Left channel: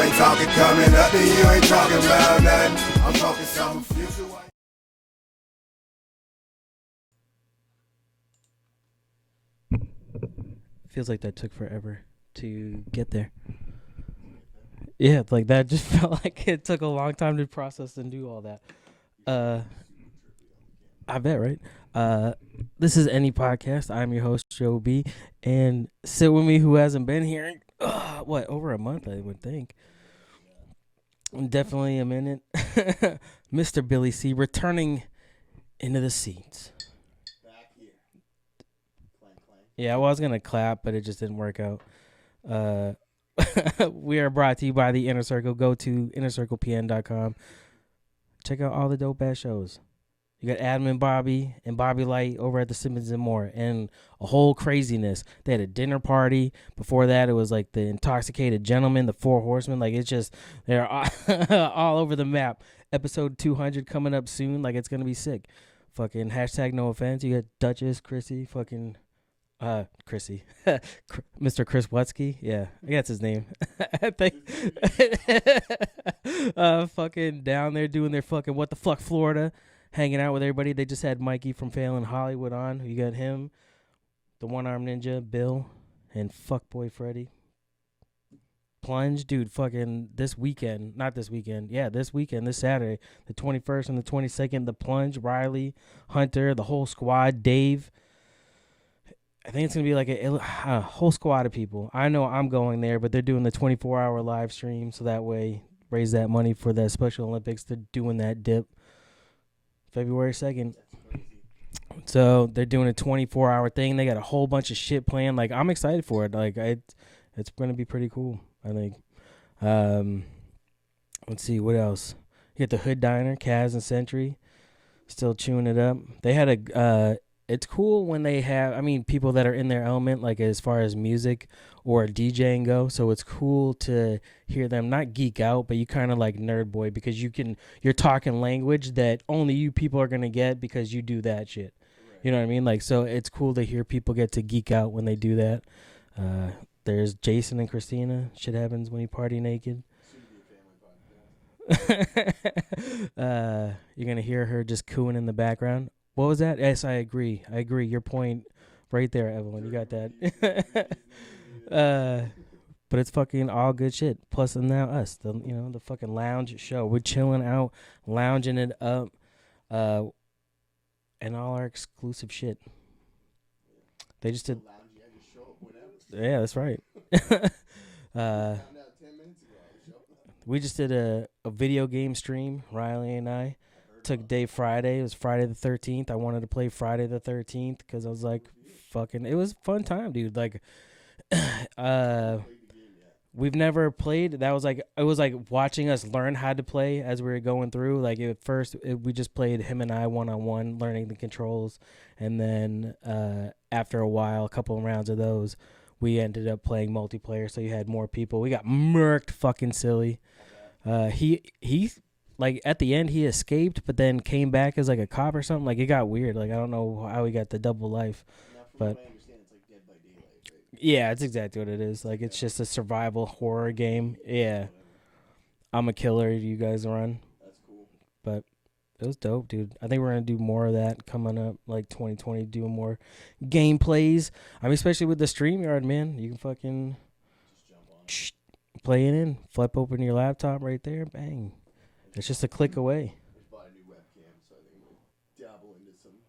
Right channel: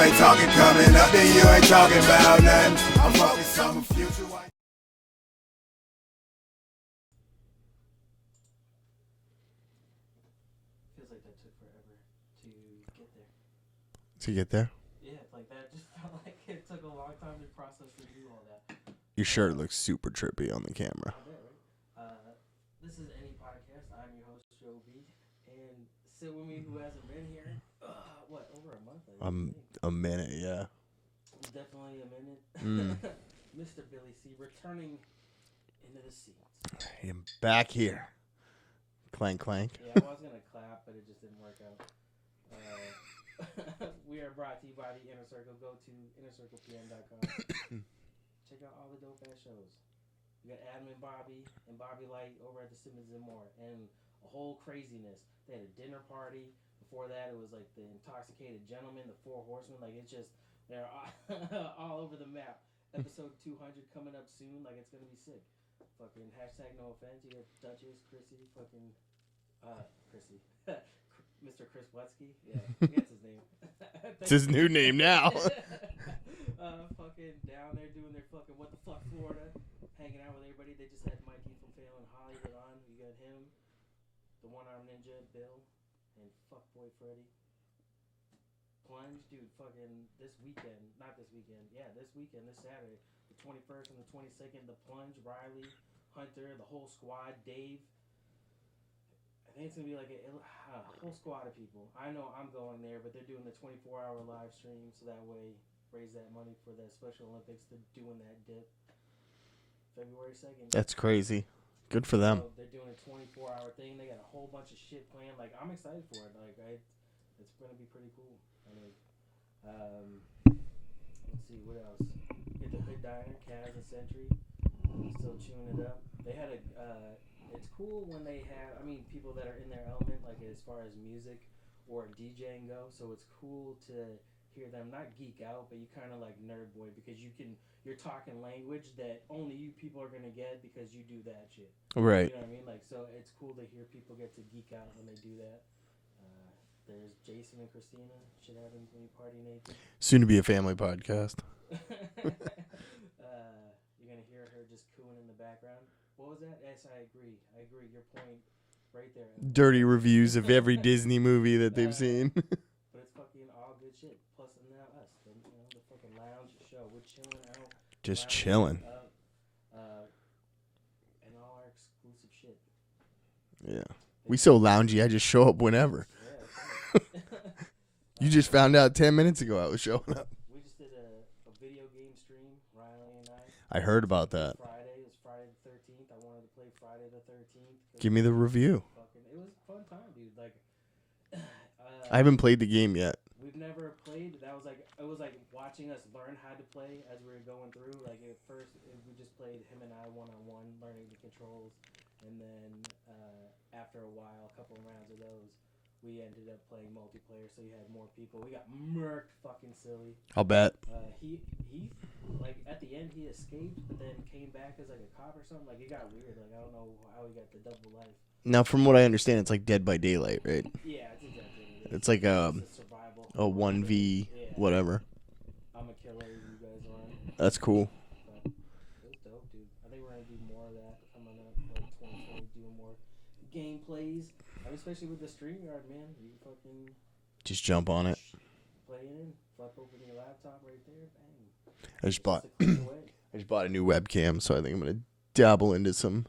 ain't talking coming up, then you ain't talking about nothing. I'm focused on the future. Feels like that took forever to get there. To get there? Yeah, like that just felt like it took a long time to process and do all that. Your shirt looks super trippy on the camera. I bet, right? This is Any Podcast. I'm your host, Joe B. And sit with me who hasn't been here in, over a month, I would think. A minute, yeah. Definitely a minute. Mr. Billy C. returning into the seats. I'm back here. Clank, clank. Yeah, I was going to clap, but it just didn't work out. We are brought to you by the Inner Circle. Go to innercirclepn.com. Check out all the dope ass shows. You got Admin Bobby and Bobby Light over at the Simmons and More, and a whole craziness. They had a dinner party. Before that, it was like the Intoxicated Gentleman, the Four Horsemen. Like, it's just, they're all over the map. Episode 200 coming up soon. Like, it's going to be sick. Fucking hashtag no offense. You got Duchess, Chrissy, fucking... Chrissy. Mr. Chris Wutsky. Yeah, I think that's his name. It's his new name now. Fucking down there doing their fucking What the Fuck Florida, hanging out with everybody. They just had Mikey from Fallon Hollywood on. You got him, the One-Armed Ninja, Bill, and Fuckboy Freddy. Plunge, dude, fucking this weekend, this weekend, this Saturday, the 21st and the 22nd, the Plunge, Riley, Hunter, the whole squad, Dave. I think it's going to be like a whole squad of people. I know I'm going there, but they're doing the 24-hour live stream, so that way raise that money for the Special Olympics. They're doing that dip February 2nd. That's crazy. Good for them. So they're doing a 24-hour thing. They got a whole bunch of shit planned. Like, I'm excited for it. Like, it's going to be pretty cool, I think. Let's see, what else? You get the Hood Diner, Kaz and Sentry, still chewing it up. They had it's cool when they have, people that are in their element, like as far as music or DJing go. So it's cool to hear them not geek out, but you kind of like nerd boy because you're talking language that only you people are going to get because you do that shit. Right. You know what I mean? Like, so it's cool to hear people get to geek out when they do that. There's Jason and Christina. Shit happens when you party naked. Soon to be a family podcast. You're going to hear her just cooing in the background. What was that? Yes, I agree. Your point right there, Evelyn. Dirty reviews of every Disney movie that they've seen. But it's fucking all good shit. Plus, and now us, the fucking lounge show. We're chilling out, just lounging chilling. it up, and all our exclusive shit. Yeah. We so loungy, I just show up whenever. Yeah, that's right. You just found out 10 minutes ago I was showing up. We just did a video game stream, Riley and I. I heard about that. Today, Friday. It was Friday the 13th. I wanted to play Friday the 13th. Give me the review. It was a fun time, dude. Like, I haven't played the game yet. We've never played. It was like watching us learn how to play as we were going through. Like, at first, we just played him and I one-on-one, learning the controls. And then after a while, a couple of rounds of those, we ended up playing multiplayer, so you had more people. We got murked fucking silly. I'll bet. He like, at the end, he escaped, but then came back as, like, a cop or something. Like, it got weird. Like, I don't know how he got the double life. Now, from what I understand, it's like Dead by Daylight, right? Yeah, it's exactly what it is. It's like it's just a survival horror 1v game. Yeah. Whatever. I'm a killer. You guys run. That's cool. But it was dope, dude. I think we're going to do more of that coming up, like 2020, doing more gameplays. Especially with the StreamYard, man. You can fucking just jump on it. Play it in. Flip open your laptop right there. Bang. It's just a click away. I just bought a new webcam, so I think I'm going to dabble into some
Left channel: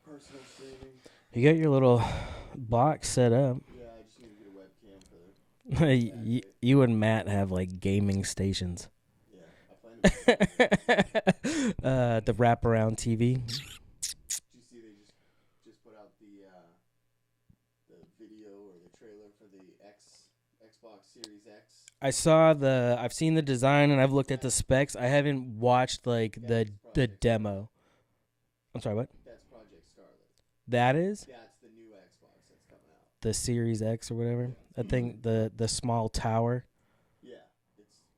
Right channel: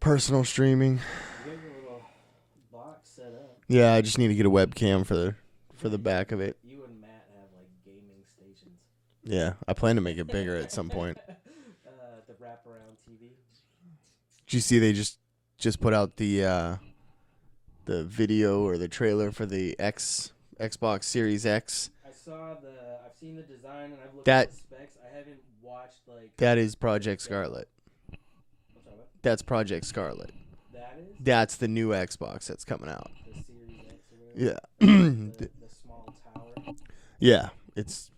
personal streaming. You got your little box set up. Yeah, I just need to get a webcam for the back of it. You and Matt have, like, gaming stations. Yeah, I plan to make it bigger at some point. The wraparound TV. Did you see they just put out the video or the trailer for the Xbox Series X? I've seen the design and I've looked at the specs. I haven't watched, like, that is Project Scarlet. I'm sorry, what? That's Project Scarlet. That is? That's the new Xbox that's coming out. The Series X or whatever? Yeah. The small tower. Yeah, it's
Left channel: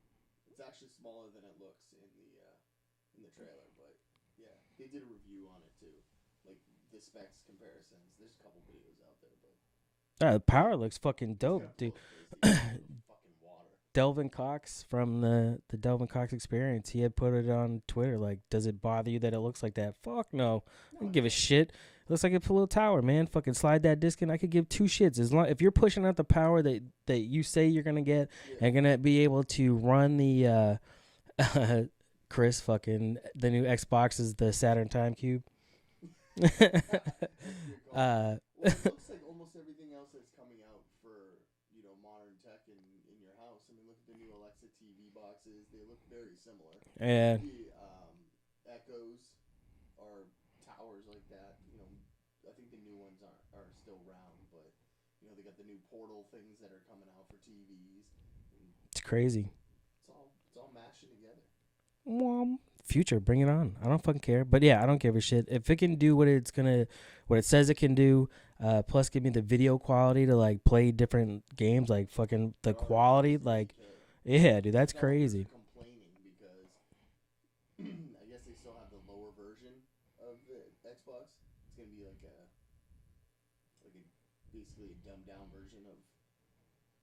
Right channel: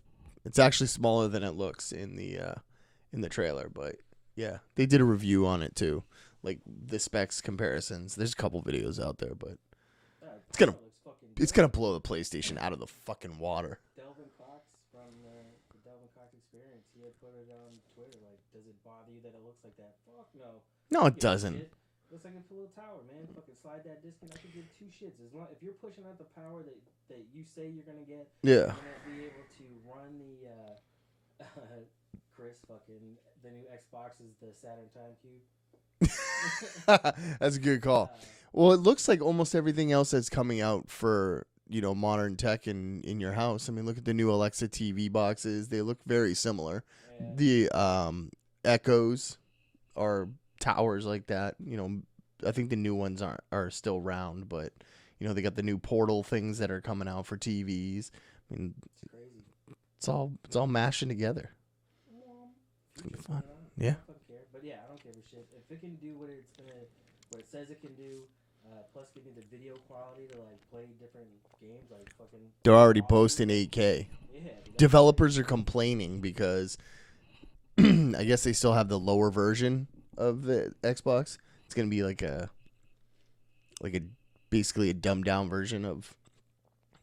actually smaller than it looks in the trailer, but yeah, they did a review on it too, like the specs comparisons. There's a couple videos out there, but The power looks fucking dope. It's gonna blow the PlayStation out of the fucking water. Delvin Cox from the Delvin Cox Experience, he had put it on Twitter. Like, does it bother you that it looks like that? Fuck no. No, I don't it give doesn't. a shit. It looks like a little tower, man. Fucking slide that disc in. I could give two shits as long if you're pushing out the power that you say you're gonna get. Yeah. You're gonna be able to run the Chris fucking the new Xbox is the Saturn Time Cube. That's a good call. Well, it looks like almost everything else that's coming out for modern tech in your house. I mean, look at the new Alexa TV boxes; they look very similar. Yeah. The Echoes are towers like that. I think the new ones are still round, but they got the new Portal things that are coming out for TVs. I mean, It's crazy. it's all mashing together. Future, bring it on. I Yeah. don't fucking care. But yeah, I don't give a shit. If it can do what it says it can do, plus give me the video quality to like play different games, like fucking. They're already quality, posting like, 8K. Yeah, dude. That's Developers crazy. are complaining because I guess they still have the lower version of the Xbox. It's gonna be like a basically a dumbed down version of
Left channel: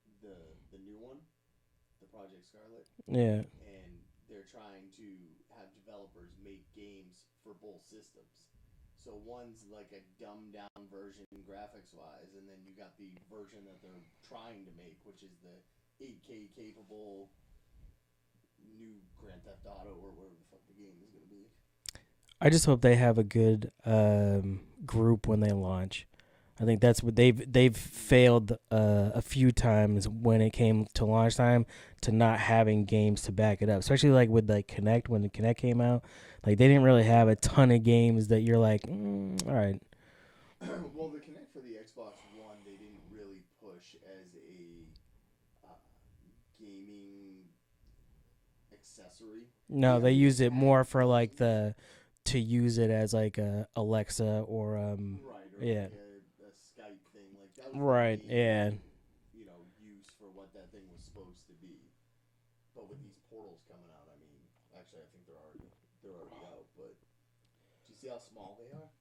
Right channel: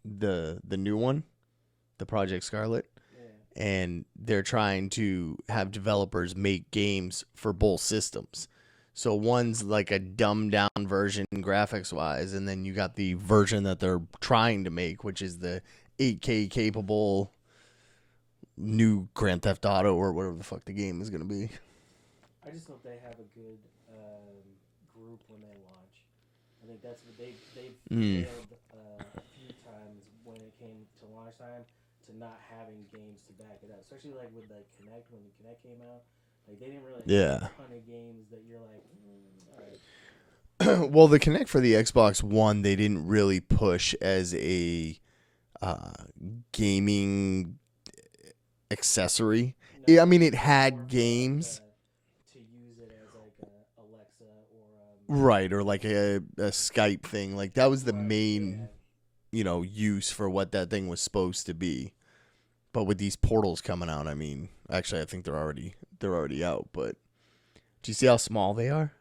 the new one, the Project Scarlet. Yeah. And they're trying to have developers make games for both systems. So one's like a dumbed down version graphics wise, and then you got the version that they're trying to make, which is the 8K capable new Grand Theft Auto or whatever the fuck the game is going to be. I just hope they have a good group when they launch. I think that's what they've failed a few times when it came to launch time to not having games to back it up. Especially like with like Kinect, when the Kinect came out, like they didn't really have a ton of games that you're like, all right. Well, the Kinect for the Xbox One, they didn't really push as a gaming accessory. No, Yeah, I they mean, it used had more for like games. to use it as like a Alexa or Right, or like a Skype thing. Like that was the main use for what that thing was supposed to be. But with these portals coming out, I mean, actually I think they're already out, but do you see how small they are?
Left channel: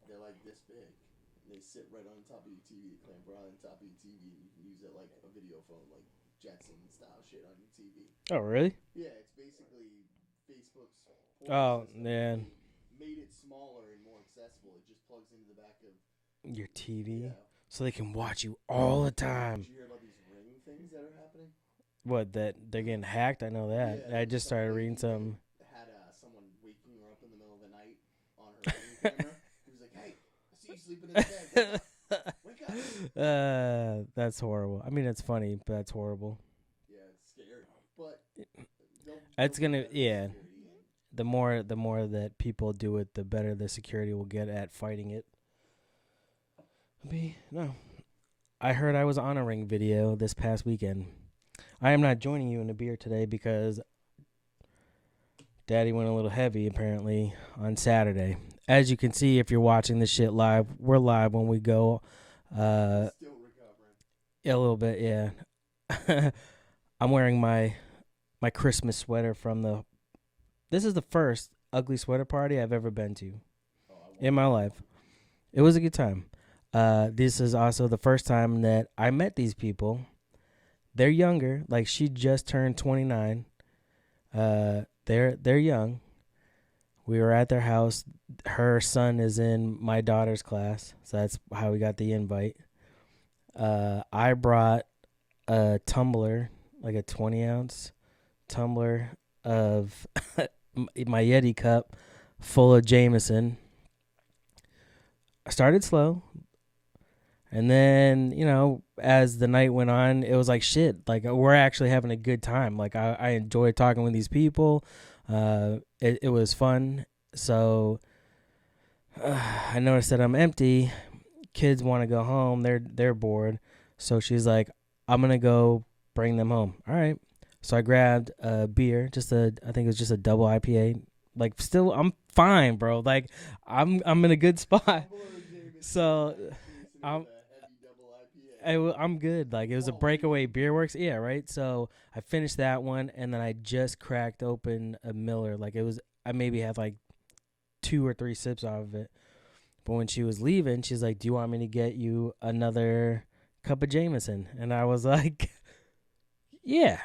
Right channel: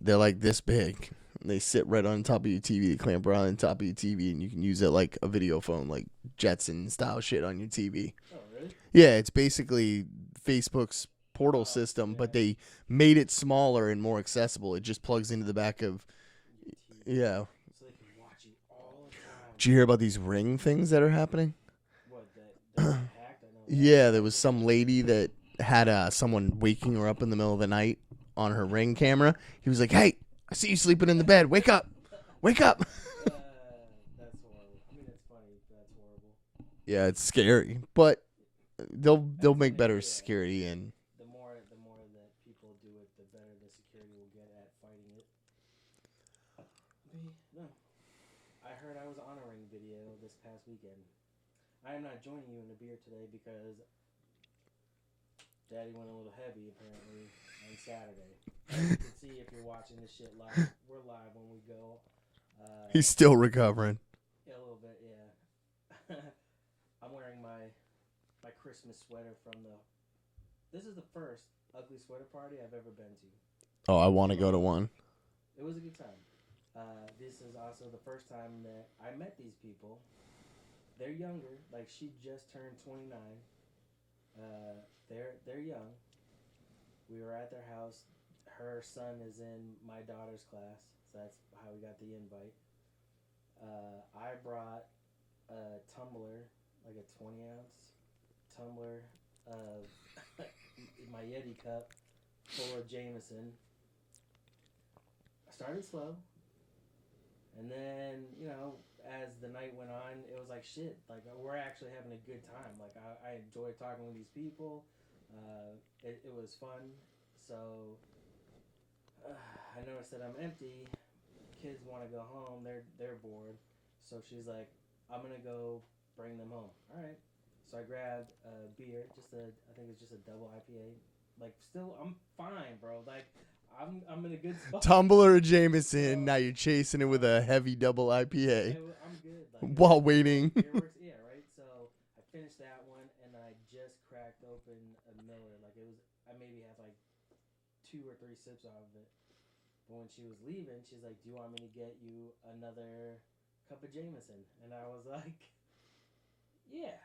They're like this big. They sit right on top of your TV. They clamp right on top of your TV, and you can use it like a video phone, like Jetson style shit on your TV. Oh, really? Yeah, it's basically Facebook's portal system, man. but they made it smaller and more accessible. It just plugs into the back of Your TV. Yeah. So they can watch you all the time. Did you hear about these Ring things that are happening? What, that they're getting hacked? I know that. Yeah, there I was just some started lady reading that had someone waking her up in the middle of the night on her Ring camera. He was like, "Hey, I see you sleeping in the bed. Wake up. Wake up." That's horrible. I mean, it's funny, but that's horrible. Yeah, it's scary, but they'll That's make gonna- better yeah. security and The more that people do it, the better the security will get at fighting it. No. I heard I was on a Ring video this past weekend. I am not joining you in the beer today because Daddy went a little heavy apparently on Saturday. As you can see, if you're watching this shit live, we're live when we go. he's still recovering. A little bit, yeah. I'm wearing my Christmas sweater from the. This is the first ugly sweater party I've ever been to. Oh, I want to In my go to life. one. It was a good time. This is also the first time that I met these people. They're younger. Like, she just turned 29. They're young. We were at their house. Her son is in my daughter's class, so that's how we got the invite. I brought a tumbler, like a 20-ounce tumbler of my Yeti cup full of Jameson. I started slow. And then, as the night went on, it was like shit. Like, we're actually having a good time. Like, I enjoyed talking with these people. It was fun. So, I noticed that I'm empty. Kids want to go home. They're bored. So she's like, I'm going to go bring them home. All right. So I grabbed a beer, I think it was just a double IPA. Like, still, I'm fine, bro. Like, I'm in a good spot. Tumbler of Jameson. So, now you're chasing it with a heavy double IPA. I'm good. Like, it was While a breakaway waiting. beer works. Yeah, right. So I finished that one, and then I just cracked open a Miller. Like, I maybe had like 2 or 3 sips out of it. But when she was leaving, she's like, "Do you want me to get you another cup of Jameson?" And I was like, "Yeah,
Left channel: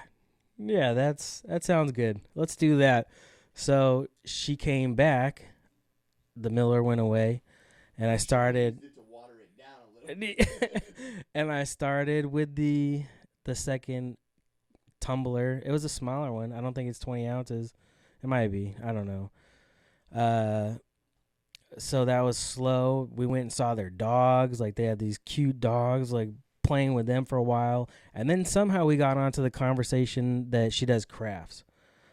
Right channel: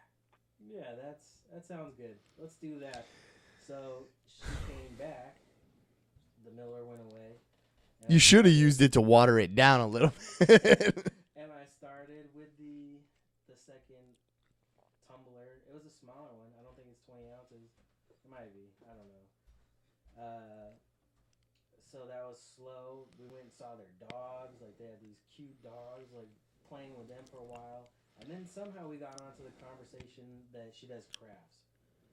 that sounds good. Let's do that." So she came back. The Miller went away, and you should have used it to water it down a little. And I started with the second tumbler. It was a smaller one. I don't think it's 20 ounces. It might be. I don't know. So that was slow. We went and saw their dogs. Like, they had these cute dogs, like, playing with them for a while. And then somehow we got onto the conversation that she does crafts.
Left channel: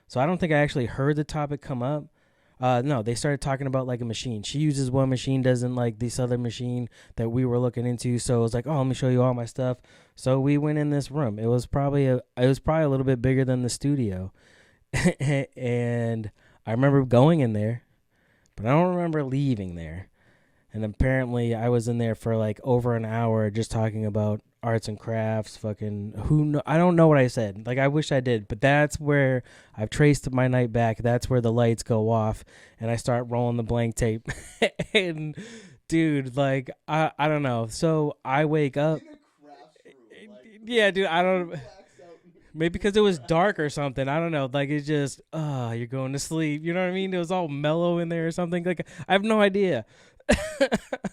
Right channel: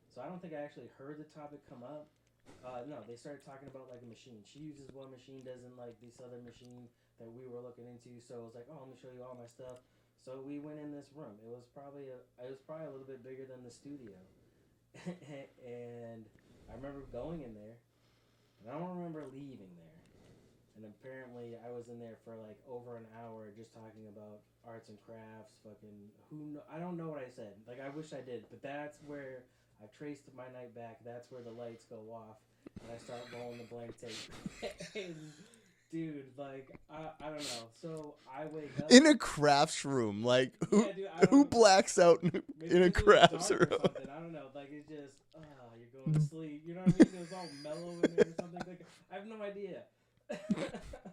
So I don't think I actually heard the topic come up. No, they started talking about, like, a machine. She uses one machine, doesn't like this other machine that we were looking into. So it was like, oh, let me show you all my stuff. So we went in this room. It was probably a little bit bigger than the studio. And I remember going in there, but I don't remember leaving there. And apparently I was in there for like over an hour just talking about arts and crafts. Fucking I don't know what I said. Like, I wish I did, but that's where I've traced my night back. That's where the lights go off and I start rolling the blank tape. And dude, like, I don't know. So I wake up in a crafts room. Like, yeah, dude, I don't. Who blacks out? Maybe because it was dark or something. I don't know. Like, it's just, you're going to sleep. You know what I mean? It was all mellow in there or something. Like, I have no idea.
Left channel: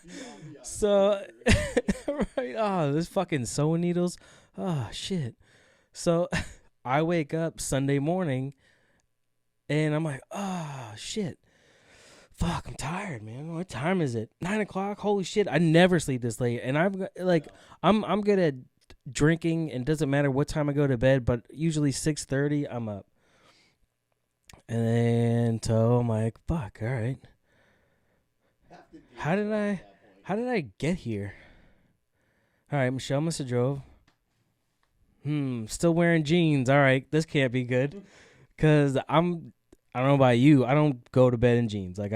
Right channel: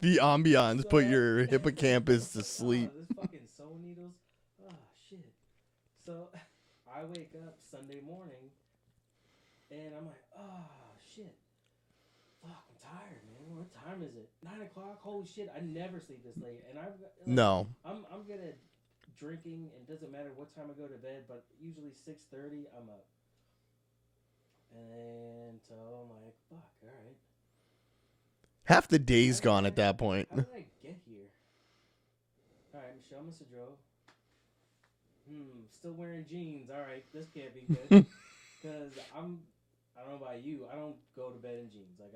The ambiance put your hippocampus to sleep. Oh, there's fucking sewing needles. Oh, shit. So I wake up Sunday morning and I'm like, oh, shit. Fuck, I'm tired, man. What time is it? 9 o'clock? Holy shit. I never sleep this late. And I'm like, no. I'm good at drinking, and it doesn't matter what time I go to bed, but usually 6:30 I'm up. And then so I'm like, fuck, all right. Half the day's gone at that point. How did I get here? All right, Michelle must have drove. Still wearing jeans. All right, this can't be good. Because I don't know about you. I don't go to bed in jeans. Like,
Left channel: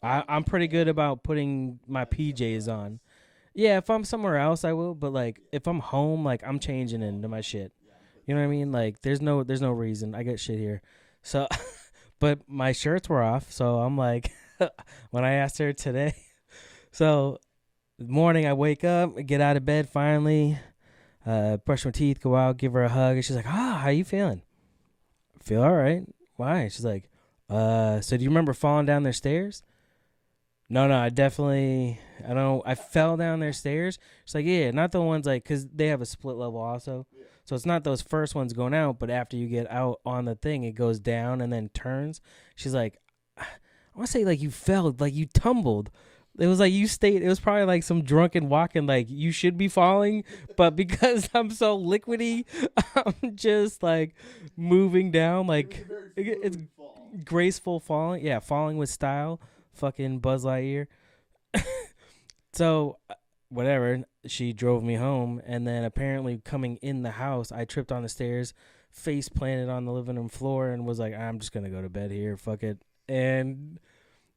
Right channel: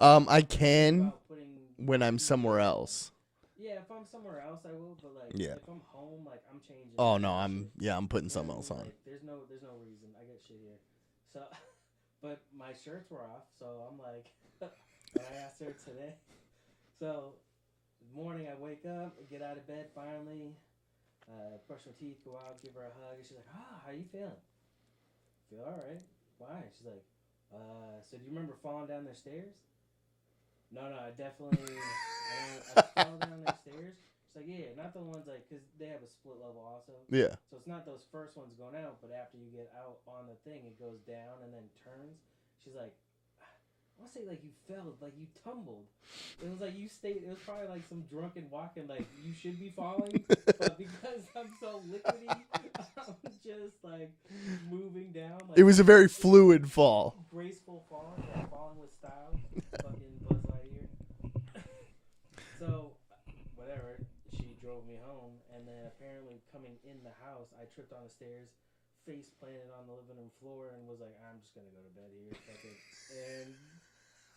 I'm pretty good about putting when my I'm PJs somewhere else. On. Yeah, if I'm somewhere else, I will. But like, if I'm home, like, I'm changing my shit. Yeah, I'm putting. You know what I mean? Like, there's no reason. I got shit here. So, but my shirts were off. So I'm like, when I asked her today. So, morning I wake up, get out of bed finally, brush my teeth, go out, give her a hug, and she's like, how you feeling? Feel all right. Why? She's like, so do you remember falling down their stairs? No, I fell down their stairs. She's like, yeah, not the ones like, because they have a split level also. Yeah. So it's not those first ones going out, but after you get out on the thing, it goes down and then turns. She's like, I want to say, like, you fell, like, you tumbled. It was like you stayed. It was probably like some drunken walking, like, you should be falling. But because I'm so liquidy, I'm just, like, moving down. Like, it was a very fluid fall. Graceful falling. Yeah, falling with style. Fucking Buzz Lightyear. So, whatever. She drove me home. And then apparently coming in the house, I tripped on the stairs, face planted on the living room floor, and was like, I'm just going to go to bed here. Fuck it.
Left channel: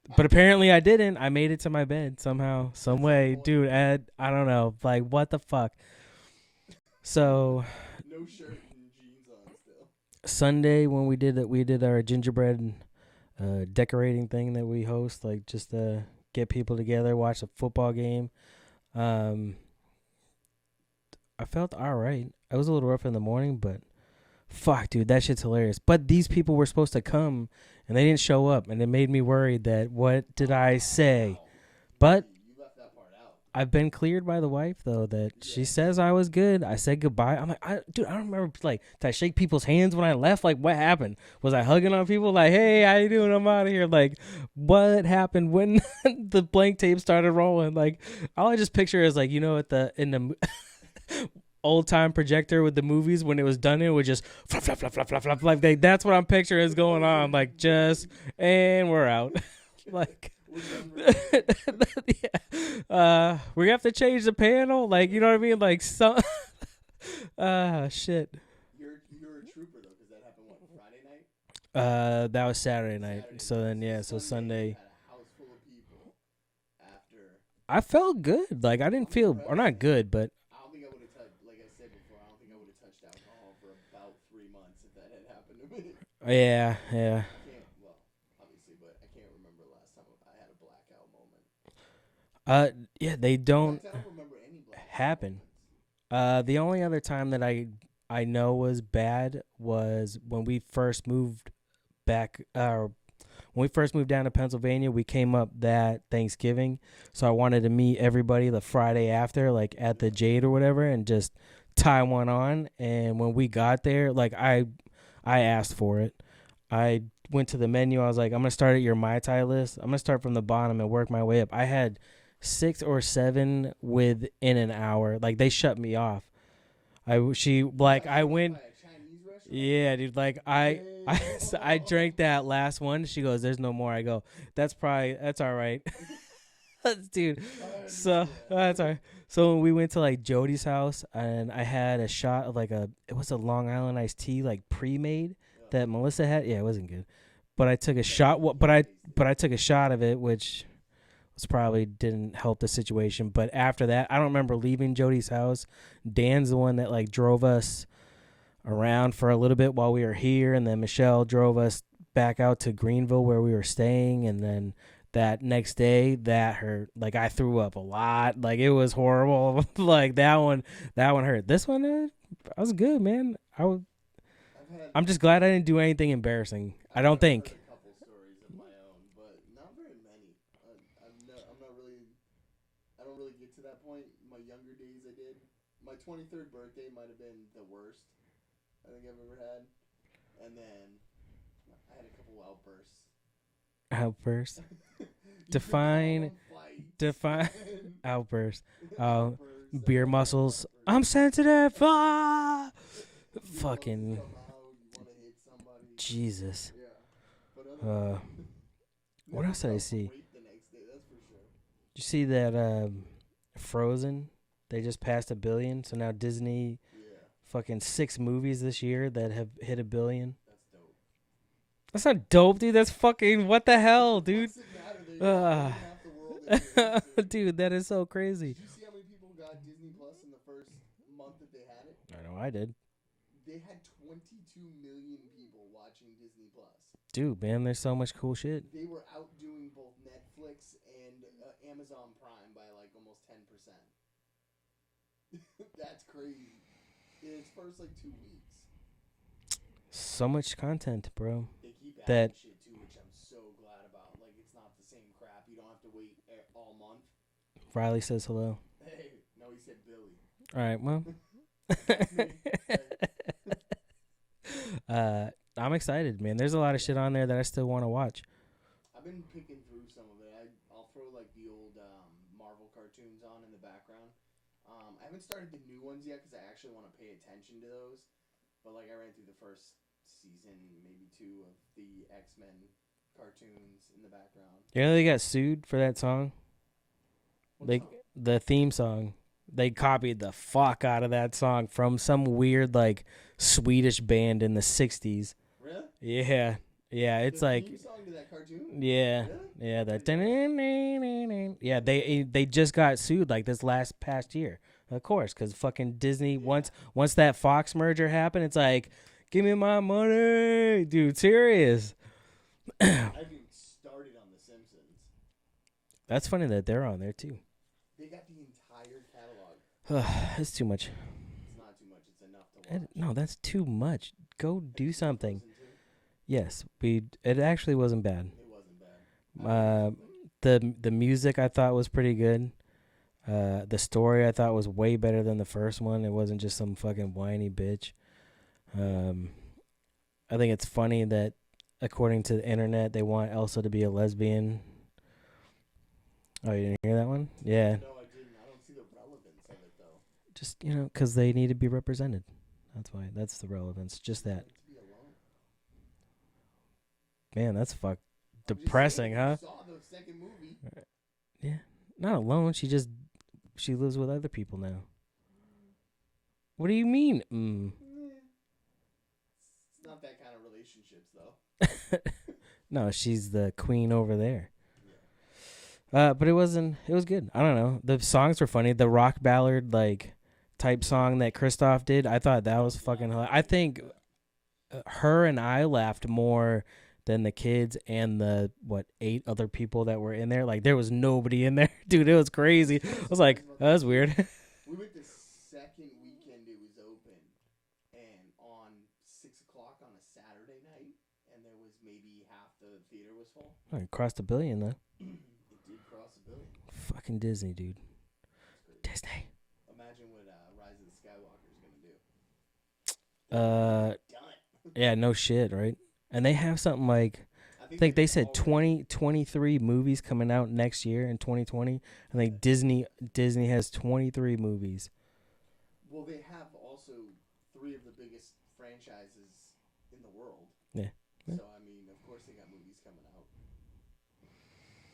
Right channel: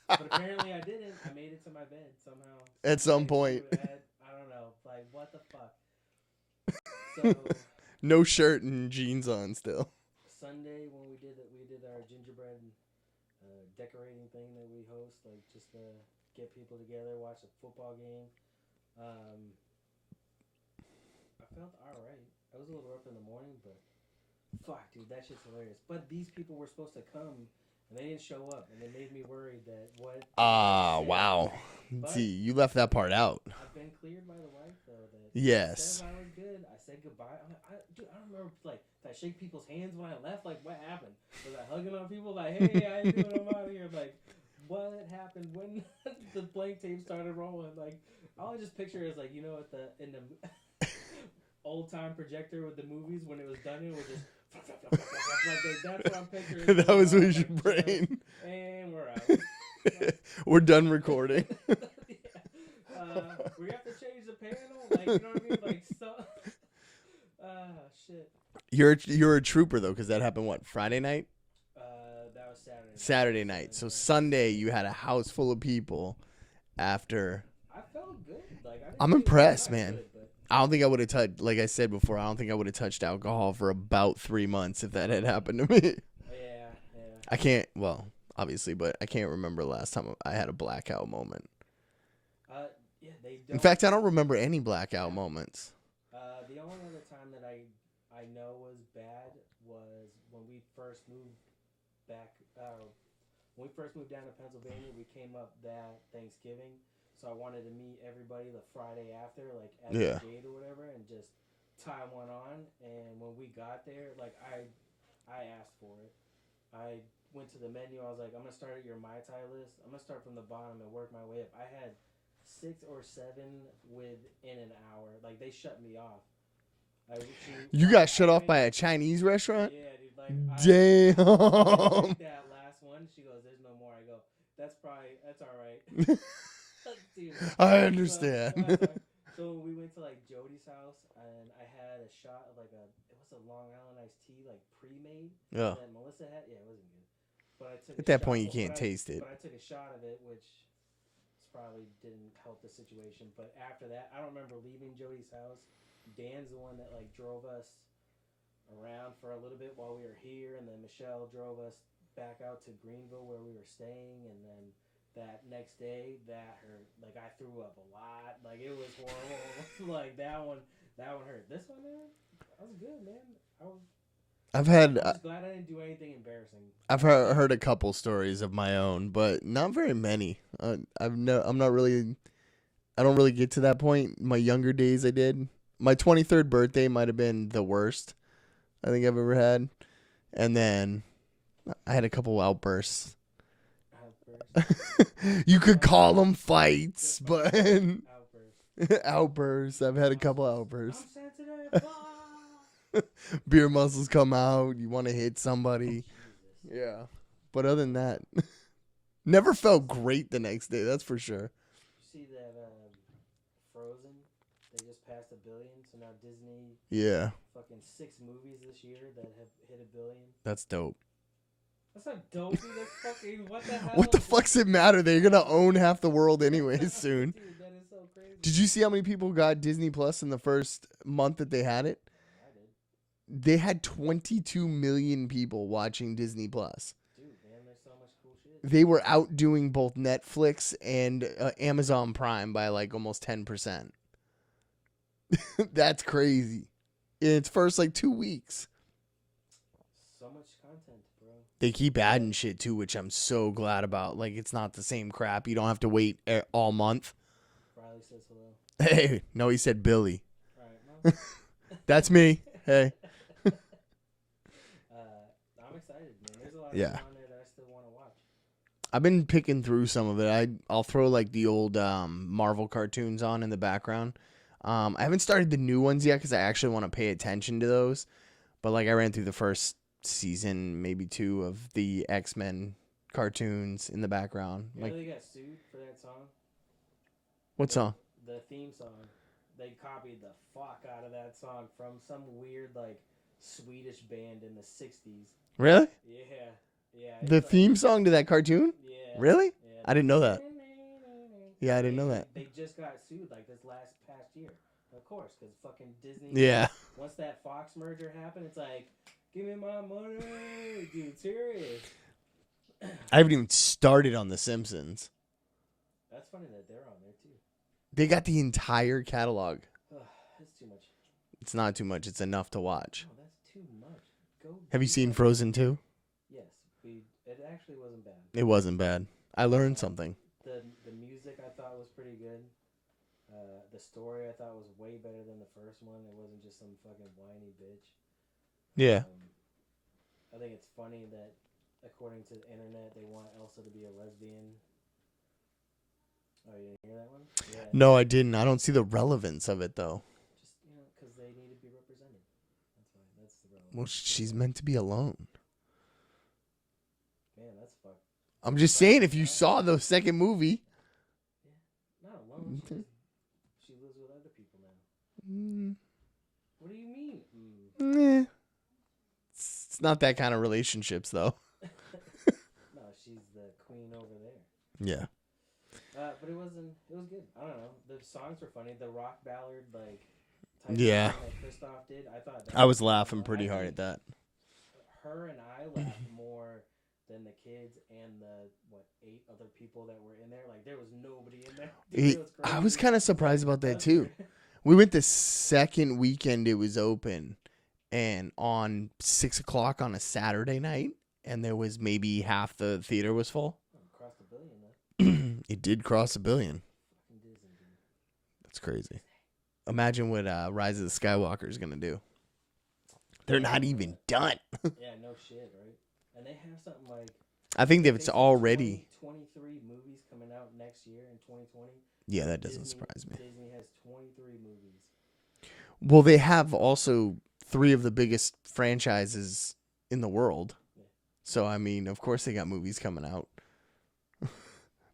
But apparently I didn't. I made it to my bed somehow, some way, dude. I don't know, like, what the fuck. So, no shirt and jeans on still. Sunday when we did our gingerbread decorating thing that we host, like, just to get people together, watch a football game. I felt all right. I was a little rough in the morning, but fuck, dude, that shit's hilarious. But these people were supposed to come. And they didn't show up, and it made me worried that what did I say? Wow. But see, you left that part out. I've been cleared by the wife, though, that she says I was good. I said goodbye. I'm like, dude, I don't remember, like, did I shake people's hands when I left? Like, what happened? Was I hugging on people? Like, hey, how you doing? I'm out of here. Like, what happened when the blank tape started rolling? Like, all I just picture is, like, you know, in the old time projector with the movies when it was done, it would just flop, flop, flop, flop, flop, flop. Like, that's what I'm picturing is going on. Like, just and we're out. Like, we're done recording. Yeah. We have to change the panel. Like, you know what I mean? Like, so shit. You're a trooper though, because that happened what, Friday night? That was Saturday night. So Sunday you had a house full of people after. I felt good. Like, I didn't I'm feel impressed, not man. Good, but I don't think I would have touched, like I said before, I don't think I would have touched alcohol for about 3 months if that had happened to me. Yeah. I can't, well, obviously, but I can't remember the last time I had a blackout moment. Yeah, they don't. In fact, I don't remember any blackout moments. The only other time that I know was bad was when we first moved back. When we first moved down to Pennsylvania, we came up that Thanksgiving, so I wanted to meet everybody the Friday after, like at the Jade or whatever, and just tie one on. And when we got there, like I asked for it. I went to the menu. I was like, I'm gonna start at your Mai Tai list. I'm gonna start from the bottom and work my way up. I had 6 or 7 within an hour. Like they shut me off. You got shut off by a Chinese restaurant? Yeah, dude. Like I drank that last one. She goes, "There's no more." I go, "That's all right." Dude, I understand. So, that's all right. So we went to like Jody's house, and I had a shot of it was a Long Island iced tea, like pre-made that Melissa had. Yeah, it wasn't good, but I took a shot. But I took a shot of it, which probably didn't help the situation. But after that, I don't remember leaving Jody's house. Dan's the one that like drove us around for a little bit while we were here, and then Michelle drove us back out to Greenville where we were staying, and then that next day that hurt. Like I threw up a lot. Like it was horrible. Like that one hurt. This one I was good, man. I'm just glad I didn't do anything embarrassing. I've heard a couple stories of my own, but not very many. I don't really get to that point. My younger days I did. My 23rd birthday might have been the worst I think I've ever had. And then I had a couple outbursts. Outbursts? You could call them fights. But outbursts. Outbursts. Beer I've had muscles. A couple outbursts. I'm sensitive. Beer muscles come out. You want to hit somebody. Jesus. Yeah. But other than that, never felt great the next day. That's for sure. Did you see that Frozen? They just passed 1 billion. So now Disney. Yeah. Fucking 6 movies this year that have hit 1 billion. That's dope. That's not dope, dude. That's fucking what the hell, What the fuck's it matter? They're gonna own half the world anyways soon. Dude, that is so crazy. Did you see how many people got Disney Plus in the first month that they had it? I know I did. They had 22 million people watching Disney Plus. Dude, man, there's so much cool shit. They were outdoing both Netflix and Amazon Prime by like almost 10%. That's crazy. In its first like 2 weeks. So much content, bro. They keep adding shit too, which I'm so glad about. Like, it's not the same crap. You don't have to wait all month. Riley says hello. Hey, no, he said Billy. All right, well. That's me. Hey. I'm excited, man. There's a lot of shit on there that I still want to watch. I've been picking through some of it. I'll throw like the old Marvel cartoons on in the background. I haven't started the new ones yet because I actually want to pay attention to those. But like I ran through the first season, maybe 2 of the X-Men cartoons in the background. You know they got sued for that song? What song? The theme song. They copied the fuck out of that song from some weird like Swedish band in the 60s. Really? Yeah. Yeah, it's the theme song to that cartoon? Yeah. Really? Yeah. I didn't know that. Yeah, they just got sued like this past year. Of course, because fucking Disney, once that Fox merger happened, it's like, give me my money. Dude, serious. I haven't even started on The Simpsons. That's funny that they're on there, too. They got the entire catalog. It's too much. It's not too much. It's enough to watch. No, that's too much. Have you seen something. Frozen 2? Yes. It actually wasn't bad. It wasn't bad. I learned something. The music I thought was pretty good. The story I thought was way better than the first one. It wasn't just some fucking whiny bitch. Yeah. I think it's funny that, according to the internet, they want Elsa to be a lesbian. Oh, you didn't hear that one? Yeah. No, I didn't. I don't see the relevance of it, though. Just, because they need to be represented. That's why. That's the relevance. Well, she's meant to be alone. Man, that's fuck. I'm just saying, if you saw the second movie. Yeah. Not alone. She lives with other people now. What do you mean? It's not that kind of relationships, though. No, she's the queen over there. Yeah. But it was good. I don't know. The songs were funny. The rock ballad type song that Christoph did, I thought that I was laughing. I think hard at that. her and I laughed more than the kids and the 8 other people that were in there. Like there was nobody in there, dude. It was crazy. I was kind of surprised about that. That's too. Weird. We went the second weekend it was open, and on 6 o'clock on a Saturday night, and there was maybe half the theater was full. Oh, it crossed $1 billion then. It did cross $1 billion. Fucking Disney, dude. That's crazy. Disney. Imagine what Rise of the Skywalker is gonna do. They're not even done. Yeah, no shit, right? And they have something like I think they said already 23 movies coming out next year in 2020. Yeah, like Disney has 23 movies. Well, they have also 3 of the biggest franchises in the world. Yeah. So I mean, of course they got movies coming out.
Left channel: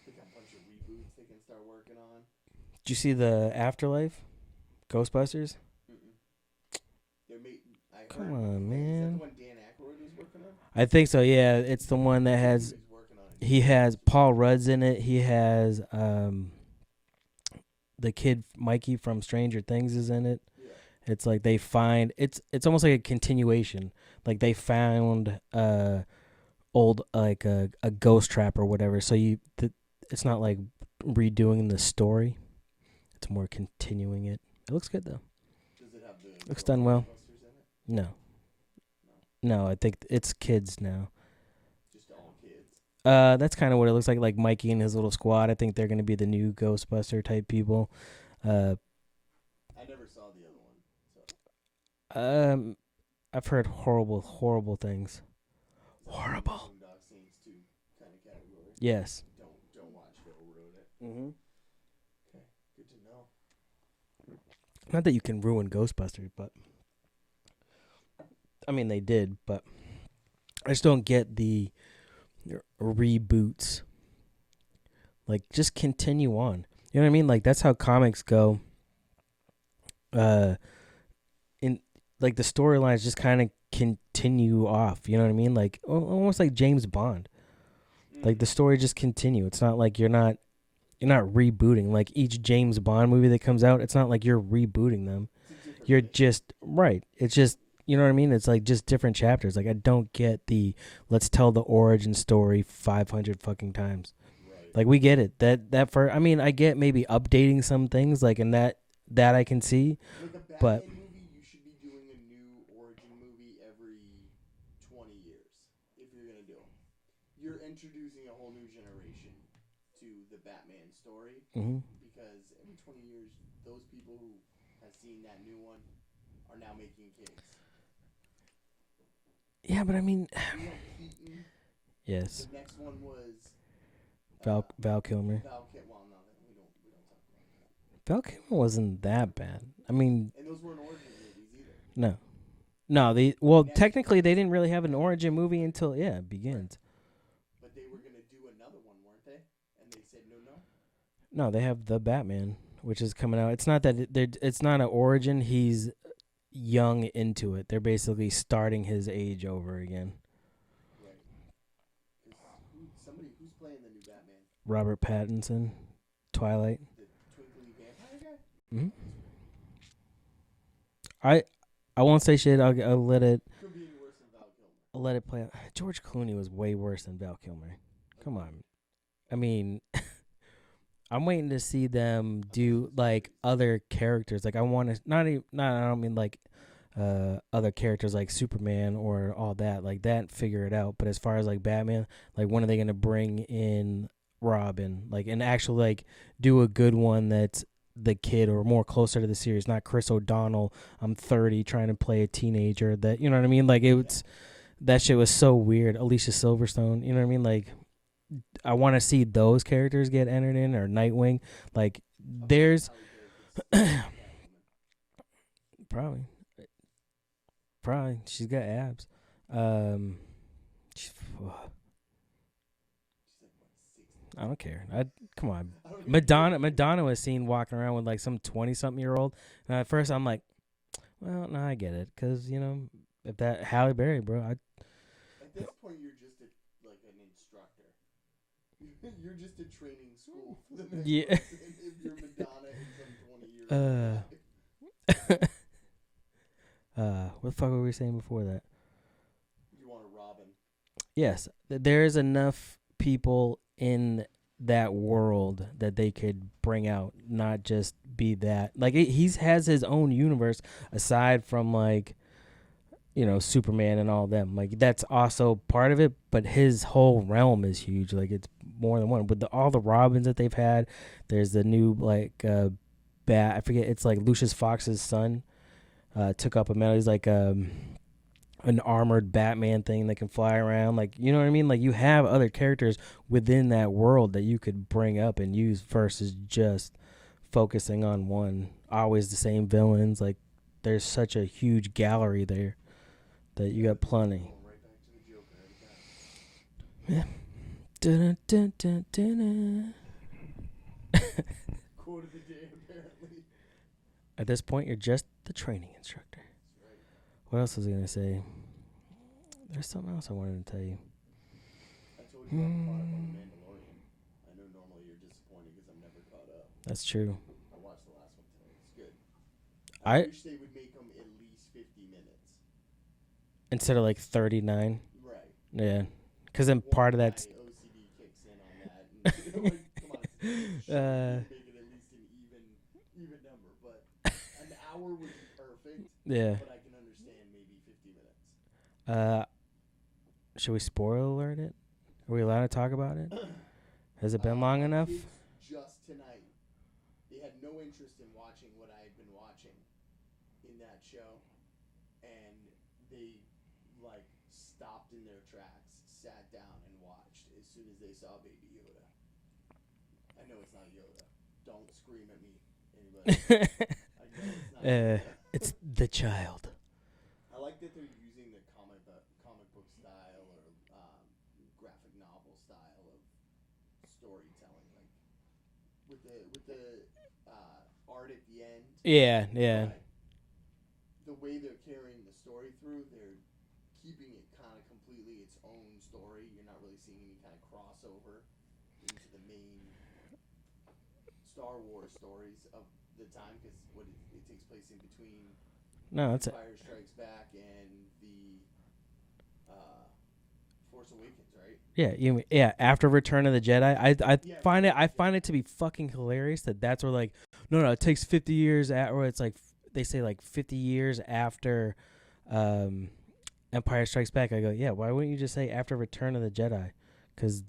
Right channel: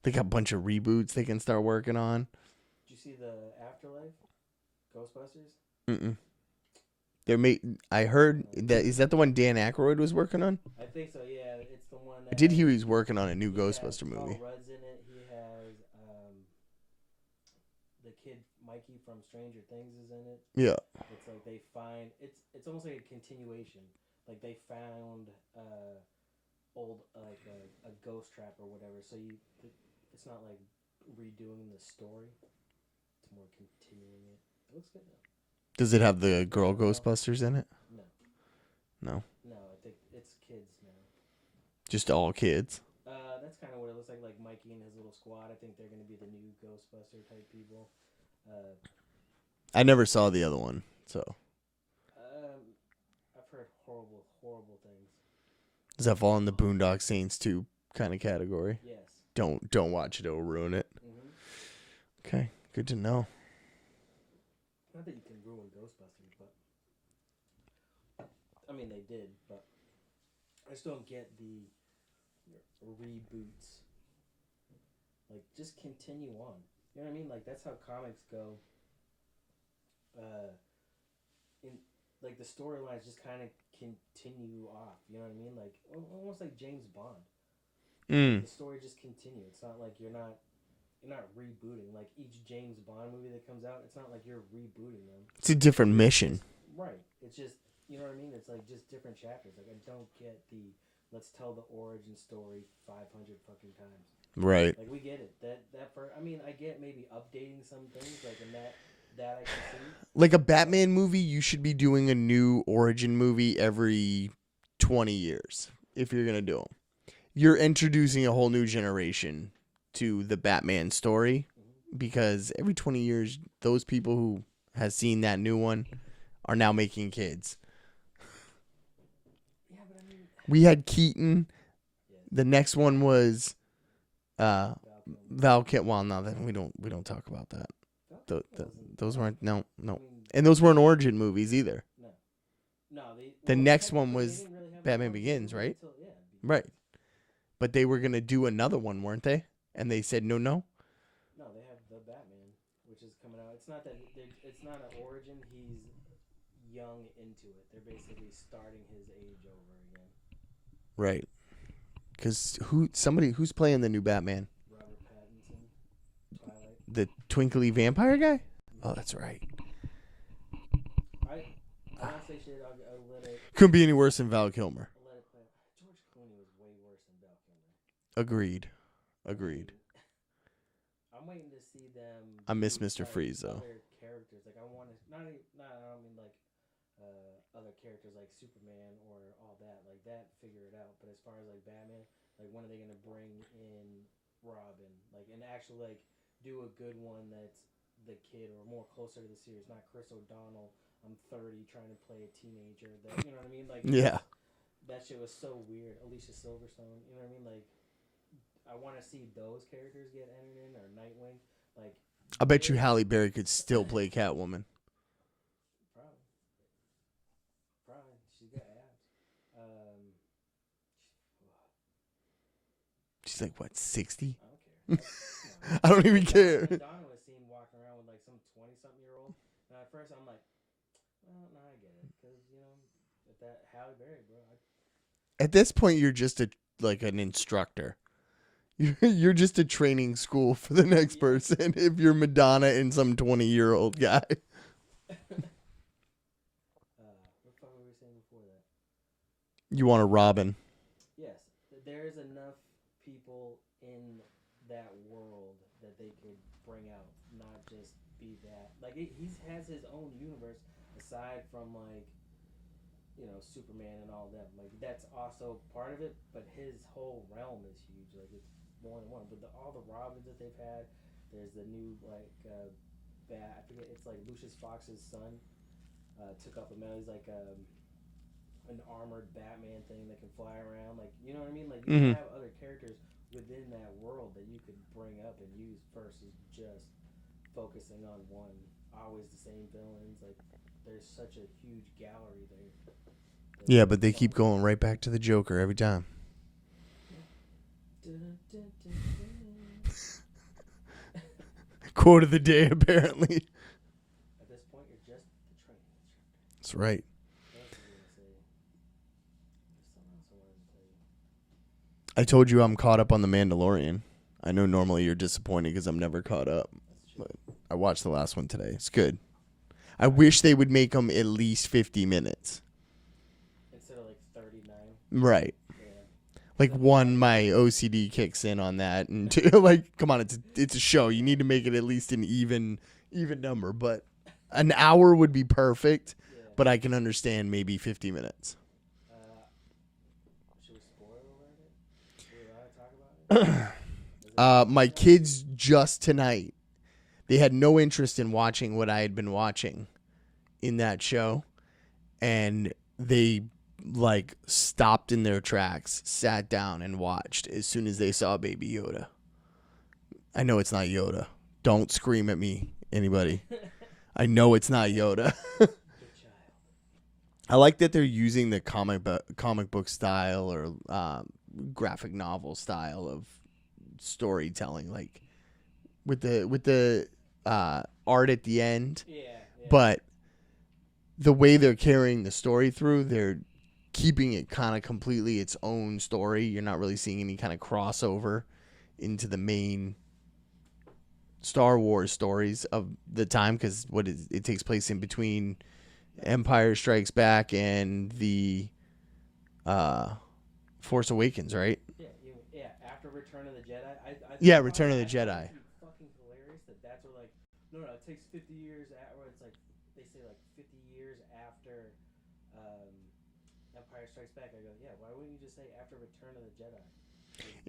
They got a bunch of reboots they can start working on. Did you see the Afterlife? Ghostbusters? Mm-mm. I heard that is that the one Dan Aykroyd was working on? I think so. Yeah, it's the one that he was working on a new. He has Paul movie. Rudd's in it. He has the kid Mikey from Stranger Things is in it. Yeah, it's like they find it's almost like a continuation. Like they found old like a ghost trap or whatever. So it's not like redoing the story. It's more continuing it. It looks good though. Does it have the girl Ghostbusters in it? No. I think it's kids now. Just all kids. That's kind of what it looks like Mikey and his little squad. I think they're going to be the new Ghostbuster type people. I never saw the other one, so. I've heard horrible things. Does that fall in the Boondock Saints 2 kind of category? Yes. Don't watch it; it'll ruin it. Mm-hmm. Okay, good to know. Not that you can ruin Ghostbusters, but I mean they did, but I just don't get the reboots. Like just continue on. You know what I mean? Like that's how comics go. In like the storylines just kind of continue off. You know what I mean? Like almost like James Bond. Like the story just continue. It's not like you're not rebooting. Like each James Bond movie that comes out, it's not like you're rebooting them. It's a different mission. It's just, you know what I mean? It's like just different chapters. Like I don't get the let's tell the origin story 500 fucking times. Right. Like we get it. I get maybe updating some things like in that I can see. Like a Batman movie, you should be doing a new origin movie every 20 years if you're going to do them. You're introducing a whole new generation to the Batman story because every 20 years, those people who has seen that new one are now making kids. Yeah, but I mean, we had Keaton. Yes. The next one was Val Kilmer. Well, no, then we don't talk about that. Val Kilmer wasn't those that weren't bad. No. I mean, and those weren't origin movies either. No. Technically they didn't really have an Batman origin Begins, movie right? until Begins. Right. But they were gonna do another one, weren't they? And they said no. No, they have the Batman, which is coming out. It's not that it's not an origin. He's young into it. They're basically starting his age over again. Right. Because who's playing the new Batman? Robert Pattinson, Twilight. The twinkly vampire guy? Mm-hmm. Oh, that's right. I won't say shit. I'll let it. Couldn't be any worse than Val Kilmer. I'll let it play out. George Clooney was way worse than Val Kilmer. Agreed. I mean, I'm waiting to see them do like Freeze, other characters. Like I want to I don't mean like other characters like Superman or all that. Like that, figure it out. But as far as like Batman, like when are they gonna bring in Robin? Like and actually like do a good one that's the kid or more closer to the series, not Chris O'Donnell. I'm 30 trying to play a teenager. That you know what I mean? Like it was that shit was so weird. Alicia Silverstone, you know what I mean? Like I want to see those characters get entered in or Nightwing. Like I bet you Halle Berry could still play Catwoman. Probably. She's got abs. She's like what, 60? I don't care. Come on. I don't even care. Madonna was seen walking around with like some 20-something-year-old. And at first I'm like, well, no, I get it, because you know if that Halle Berry, bro. At this point, you're just an instructor. You're just a training school for the next person. If you're Madonna and some 20-year-old guy. What the fuck were we saying before that? You want a Robin? Yes, there is enough people in that world that they could bring out, not just be that. Like he's has his own universe aside from like, you know, Superman and all them. Like that's also part of it, but his whole realm is huge. Like it's more than one. With all the Robins that they've had, there's the new like bat. I forget. It's like Lucius Fox's son. Took up a medal. He's like an armored Batman thing that can fly around. Like, you know what I mean? Like you have other characters within that world that you could bring up and use versus just focusing on one. Always the same villains. Like there's such a huge gallery there. Yeah, but they keep going right back to the Joker every time. Yeah. Quote of the day, apparently. At this point, you're just the training instructor. That's right. What else was I going to say? There's something else I wanted to tell you. I told you I'm caught up on The Mandalorian. I know normally you're disappointed because I'm never caught up. That's true. I watched the last one today. It's good. I wish they would make them at least 50 minutes. Instead of like 39. Right. Yeah. Like one, my OCD kicks in on that, and two, like, come on, it's a show. You need to make it at least an even number. But an hour would be perfect. Yeah. But I can understand maybe 50 minutes. Should we spoiler alert it? Are we allowed to talk about it? Has it been long my enough? kids just tonight, they had no interest in watching what I had been watching in that show, and they like stopped in their tracks, sat down and watched as soon as they saw Baby Yoda. I know it's not Yoda. Don't scream at me, anybody. I know it's not Yoda. It's the child. I like that they're using the comic book style or graphic novel style of storytelling, like with the art at the end. Yeah. But the way they're carrying the story through, they're keeping it kind of completely its own story. You're not really seeing any kind of crossover into the main Star Wars stories of the time, because it takes place in between Empire Strikes Back and the Force Awakens, right? Yeah. After Return of the Jedi, I find it to be fucking hilarious that's where like no, it takes 50 years or it's like they say like 50 years after Empire Strikes Back. I go, yeah, why wouldn't you just say after Return of the Jedi? Because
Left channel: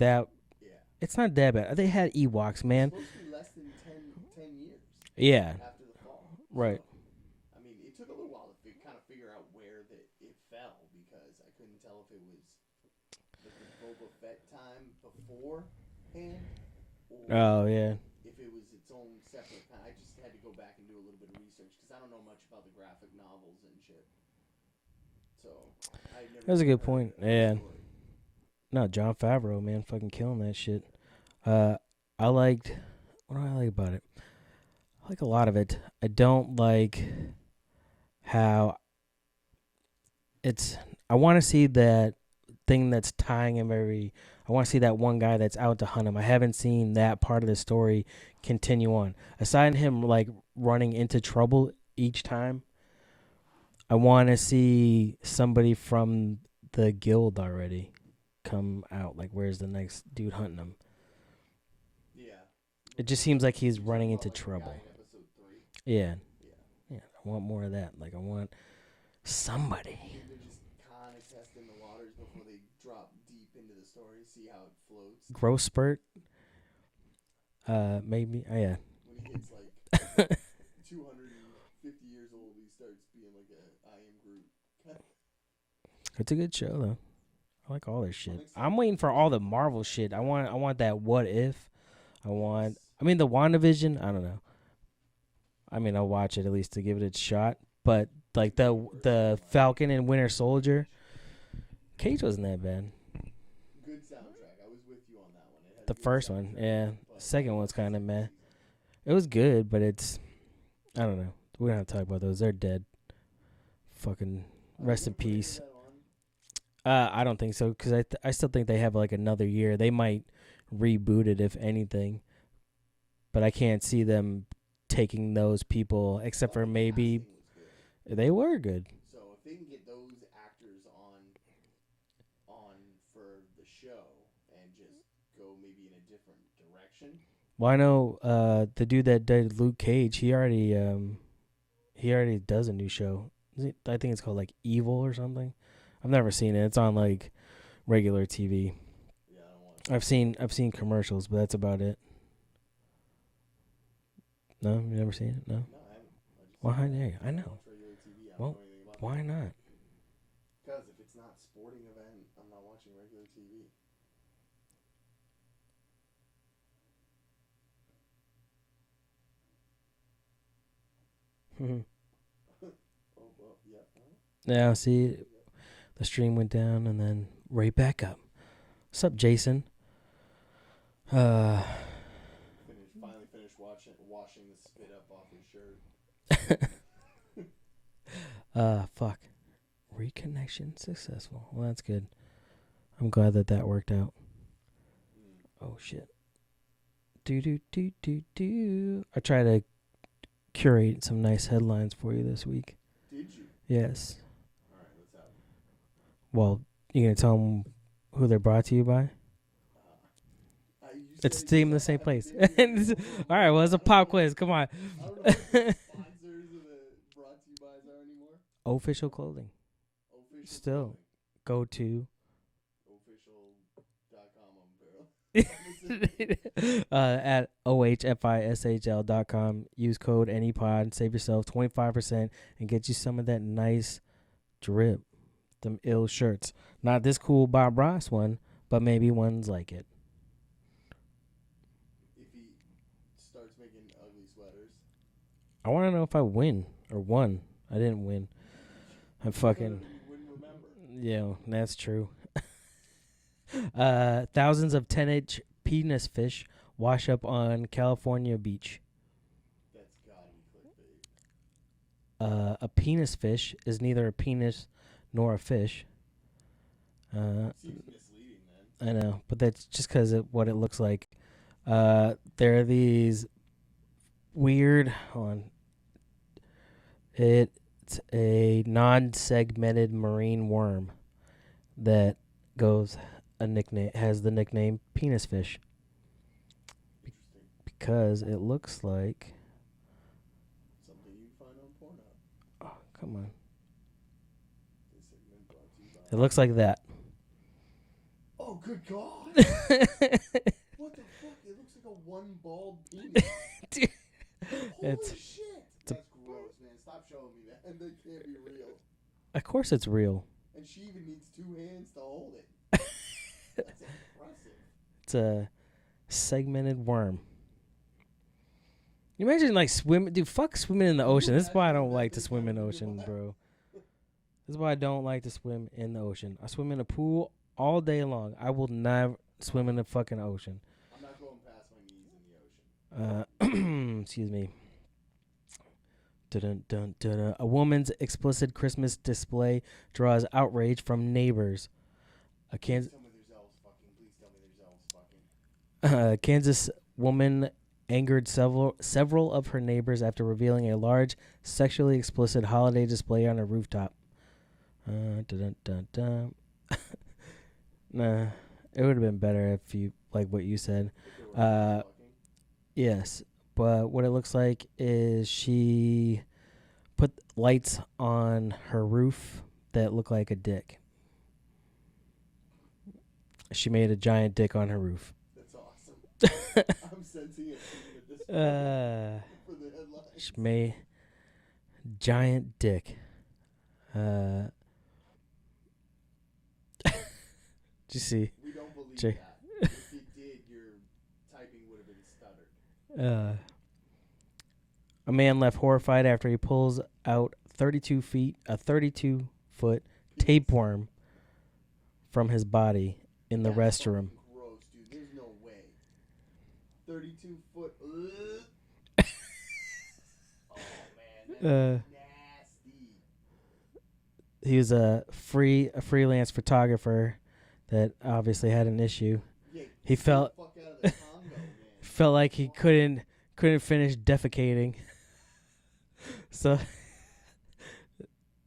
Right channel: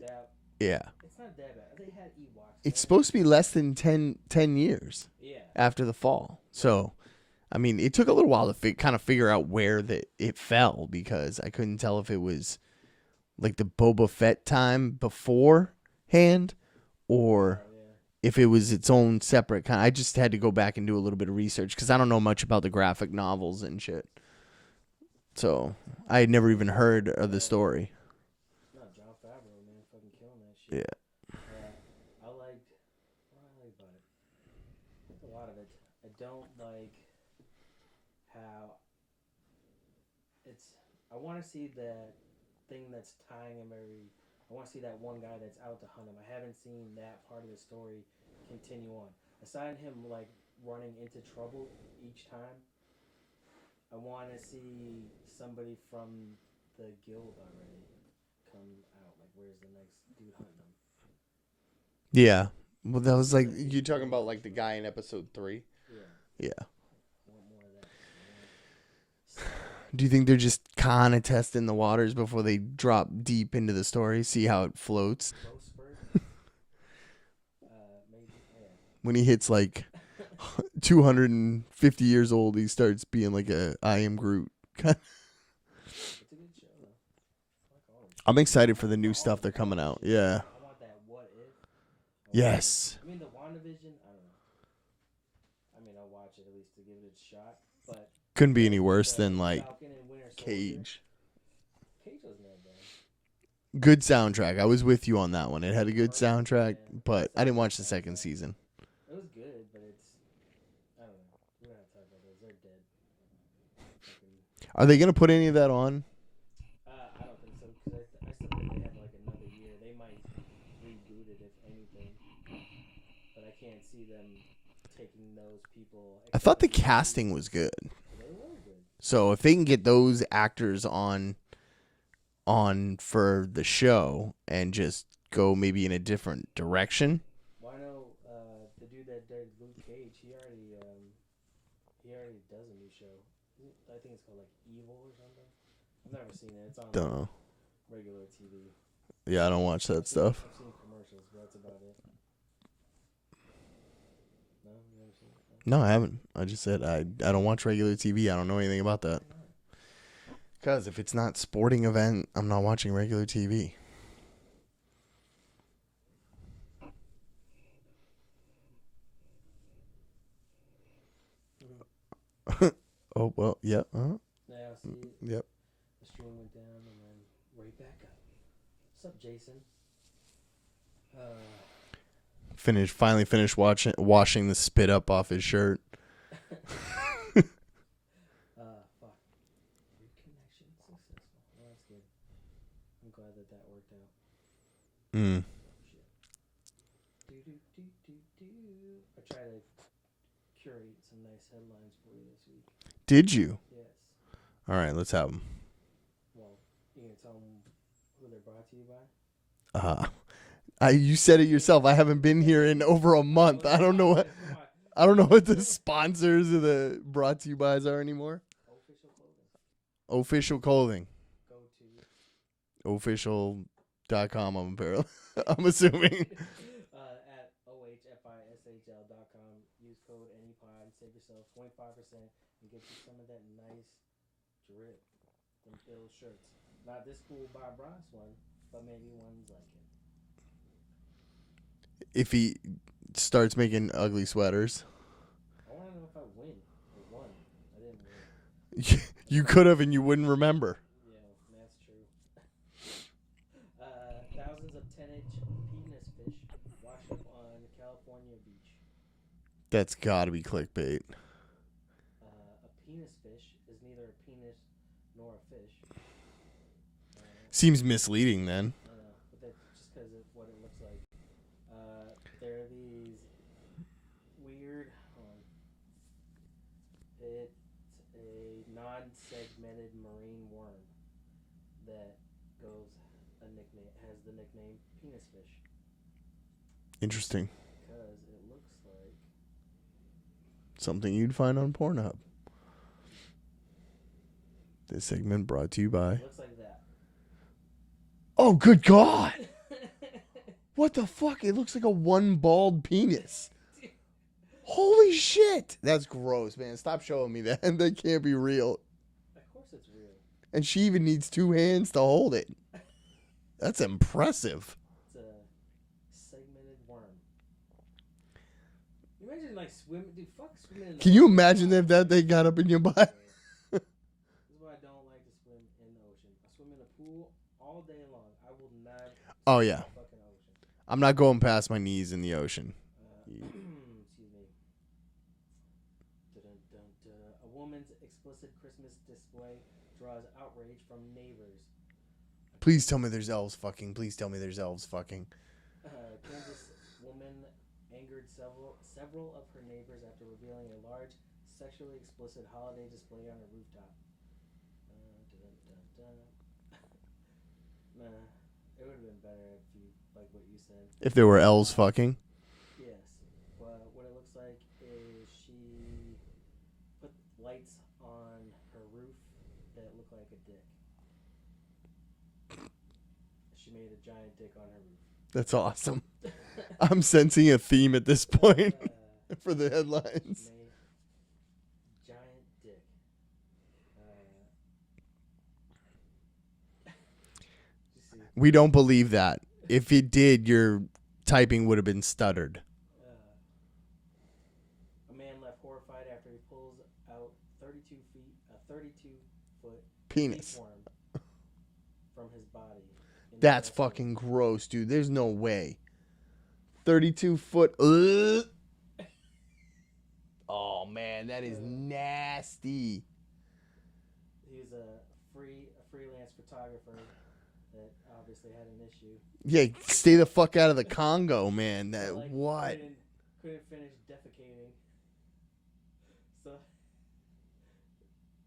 it's not that bad. They had Ewoks, man. It's supposed to be less than 10 years. Yeah. After the fall. Right. So, I mean, it took a little while to kind of figure out where it fell, because I couldn't tell if it was like the Boba Fett time beforehand or if it was its own separate kind. I just had to go back and do a little bit of research because I don't know much about the graphic novels and shit. So I had never even heard of the story. No, Jon Favreau, man, fucking killing that shit. Yeah. What do I like about it? I like a lot of it. I don't like how I want to see that thing that's tying him I want to see that one guy that's out to hunt him. I haven't seen that part of the story continue on. Aside from him, like, running into trouble each time, I want to see somebody from the guild already come out. Like, where's the next dude hunting him? Yeah. Well, it just seems like he's you're talking running about into like trouble. the guy in episode 3? Yeah. Yeah. I want more of that. Like, I want somebody. Do you think they're just kind of testing the waters before they drop deep into the story, see how it floats? Growth spurt? Maybe. Oh, yeah. When he hits like 250 years old, he starts being like I Am Groot. It's a good show, though. I like all this shit. I'm excited for the new all stuff the that's coming out. Shit. Yeah. I want that what if. Yes. I mean, the WandaVision, I don't know. I mean, I'll watch it at least to give it a shot, but couldn't be any worse than like Falcon and Winter Soldier. Cage wasn't that bad. Good soundtrack. I was with you on that one. It had a good soundtrack, but Second I didn't watch the second season. It was good, but I don't know. We don't have to talk about those. They're dead. Fucking. Are they gonna put any of that on? I don't think so, because I still think they have like another year. They might reboot it if anything, but I can't see them taking those people. Except I thought for the casting was good. They were good. So if they can get those actors on on for the show and just go maybe in a different direction. Well, I know the dude that did Luke Cage, he already does a new show. I think it's called like Evil or something. I've never seen it. It's on like regular TV. Yeah, I don't watch that I've seen commercials, but that's about it. No, you never seen it? No. No, I haven't. I just said I don't watch regular TV. I don't know anything about that. Why not? Because if it's not sporting event, I'm not watching regular TV. Oh, well, yeah. Yeah, see, Yep. the stream went down and then right back up. What's up, Jason? Finally finished washing the spit up off his shirt. Fuck. Reconnection successful. Well, that's good. I'm glad that worked out. Oh, shit. Do. I try to curate some nice headlines for you this week. Did you? Yes. All right, let's have them. Well, you gonna tell them who they're brought to you by? You said it yourself. I haven't been here in over a month. All right, well, it's a pop quiz. Come on. I don't know what the sponsors of the brought to you bys are anymore. Official clothing. Official clothing. Go to official.com. I'm assuming. At ohfishl.com. Use code ANYPOD. Save yourself 25% and get you some of that nice drip. Them ill shirts. Not this cool Bob Ross one, but maybe ones like it. If he starts making ugly sweaters. I want to know if I win or won. I didn't win. You could have and you wouldn't remember. Yeah, that's true. Thousands of 10-inch penis fish wash up on California beach. That's got to be clickbait. A penis fish is neither a penis nor a fish. Seems misleading then. I know, but that's just because of what it looks like. There are these weird... Hold on. It's a non-segmented marine worm that has the nickname penis fish. Interesting. Because it looks like something you'd find on Pornhub. Oh, come on. This segment brought to you by... It looks like that. Oh, good God. What the fuck? It looks like a one bald penis. Dude. Holy shit. That's gross, man. Stop showing me that. That can't be real. Of course it's real. And she even needs 2 hands to hold it. That's impressive. It's a segmented worm. You imagine like swimming, dude. Fuck swimming in the ocean. Can you imagine if that thing got up in your butt? This is why I don't like to swim in the ocean. I swim in a pool all day long. I will never swim in the fucking ocean. I'm not going past my knees in the ocean. Excuse me. Dun, dun, dun, dun. A woman's explicit Christmas display draws outrage from neighbors. Please tell me there's elves fucking. Please tell me there's elves fucking. Kansas woman angered several of her neighbors after revealing a large sexually explicit holiday display on a rooftop. Nah, it would have been better if you like what you said. If there were elves fucking. Yes, but what it looks like is she put lights on her roof that look like a dick. She made a giant dick on her roof. That's awesome. I'm sensing a theme at this point for the headlines. She made giant dick. Did you see? We don't believe that. If it did, your typing would have been stuttered. A man left horrified after he pulls out a 32-foot tapeworm from his body in the restroom. That's fucking gross, dude. There's no way. 32-foot. Oh man, that is nasty. He was a freelance photographer that obviously had an issue. Yeah, stay the fuck out of the Congo, man. Felt like he couldn't finish defecating. So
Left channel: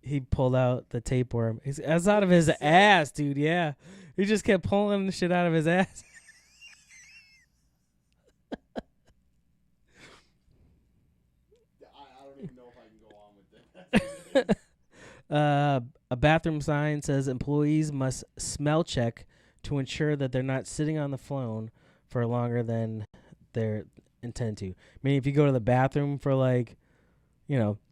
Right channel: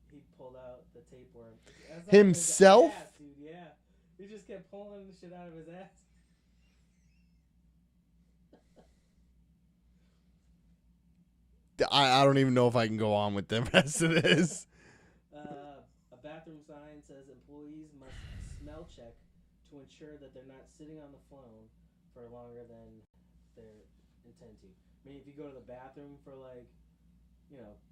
he pulled out the tapeworm. It's out of his ass, dude. Yeah, he just kept pulling the shit out of his ass. I don't even know if I can go on with the rest of this. A bathroom sign says employees must smell check to ensure that they're not sitting on the phone for longer than they're intended to. I mean, if you go to the bathroom for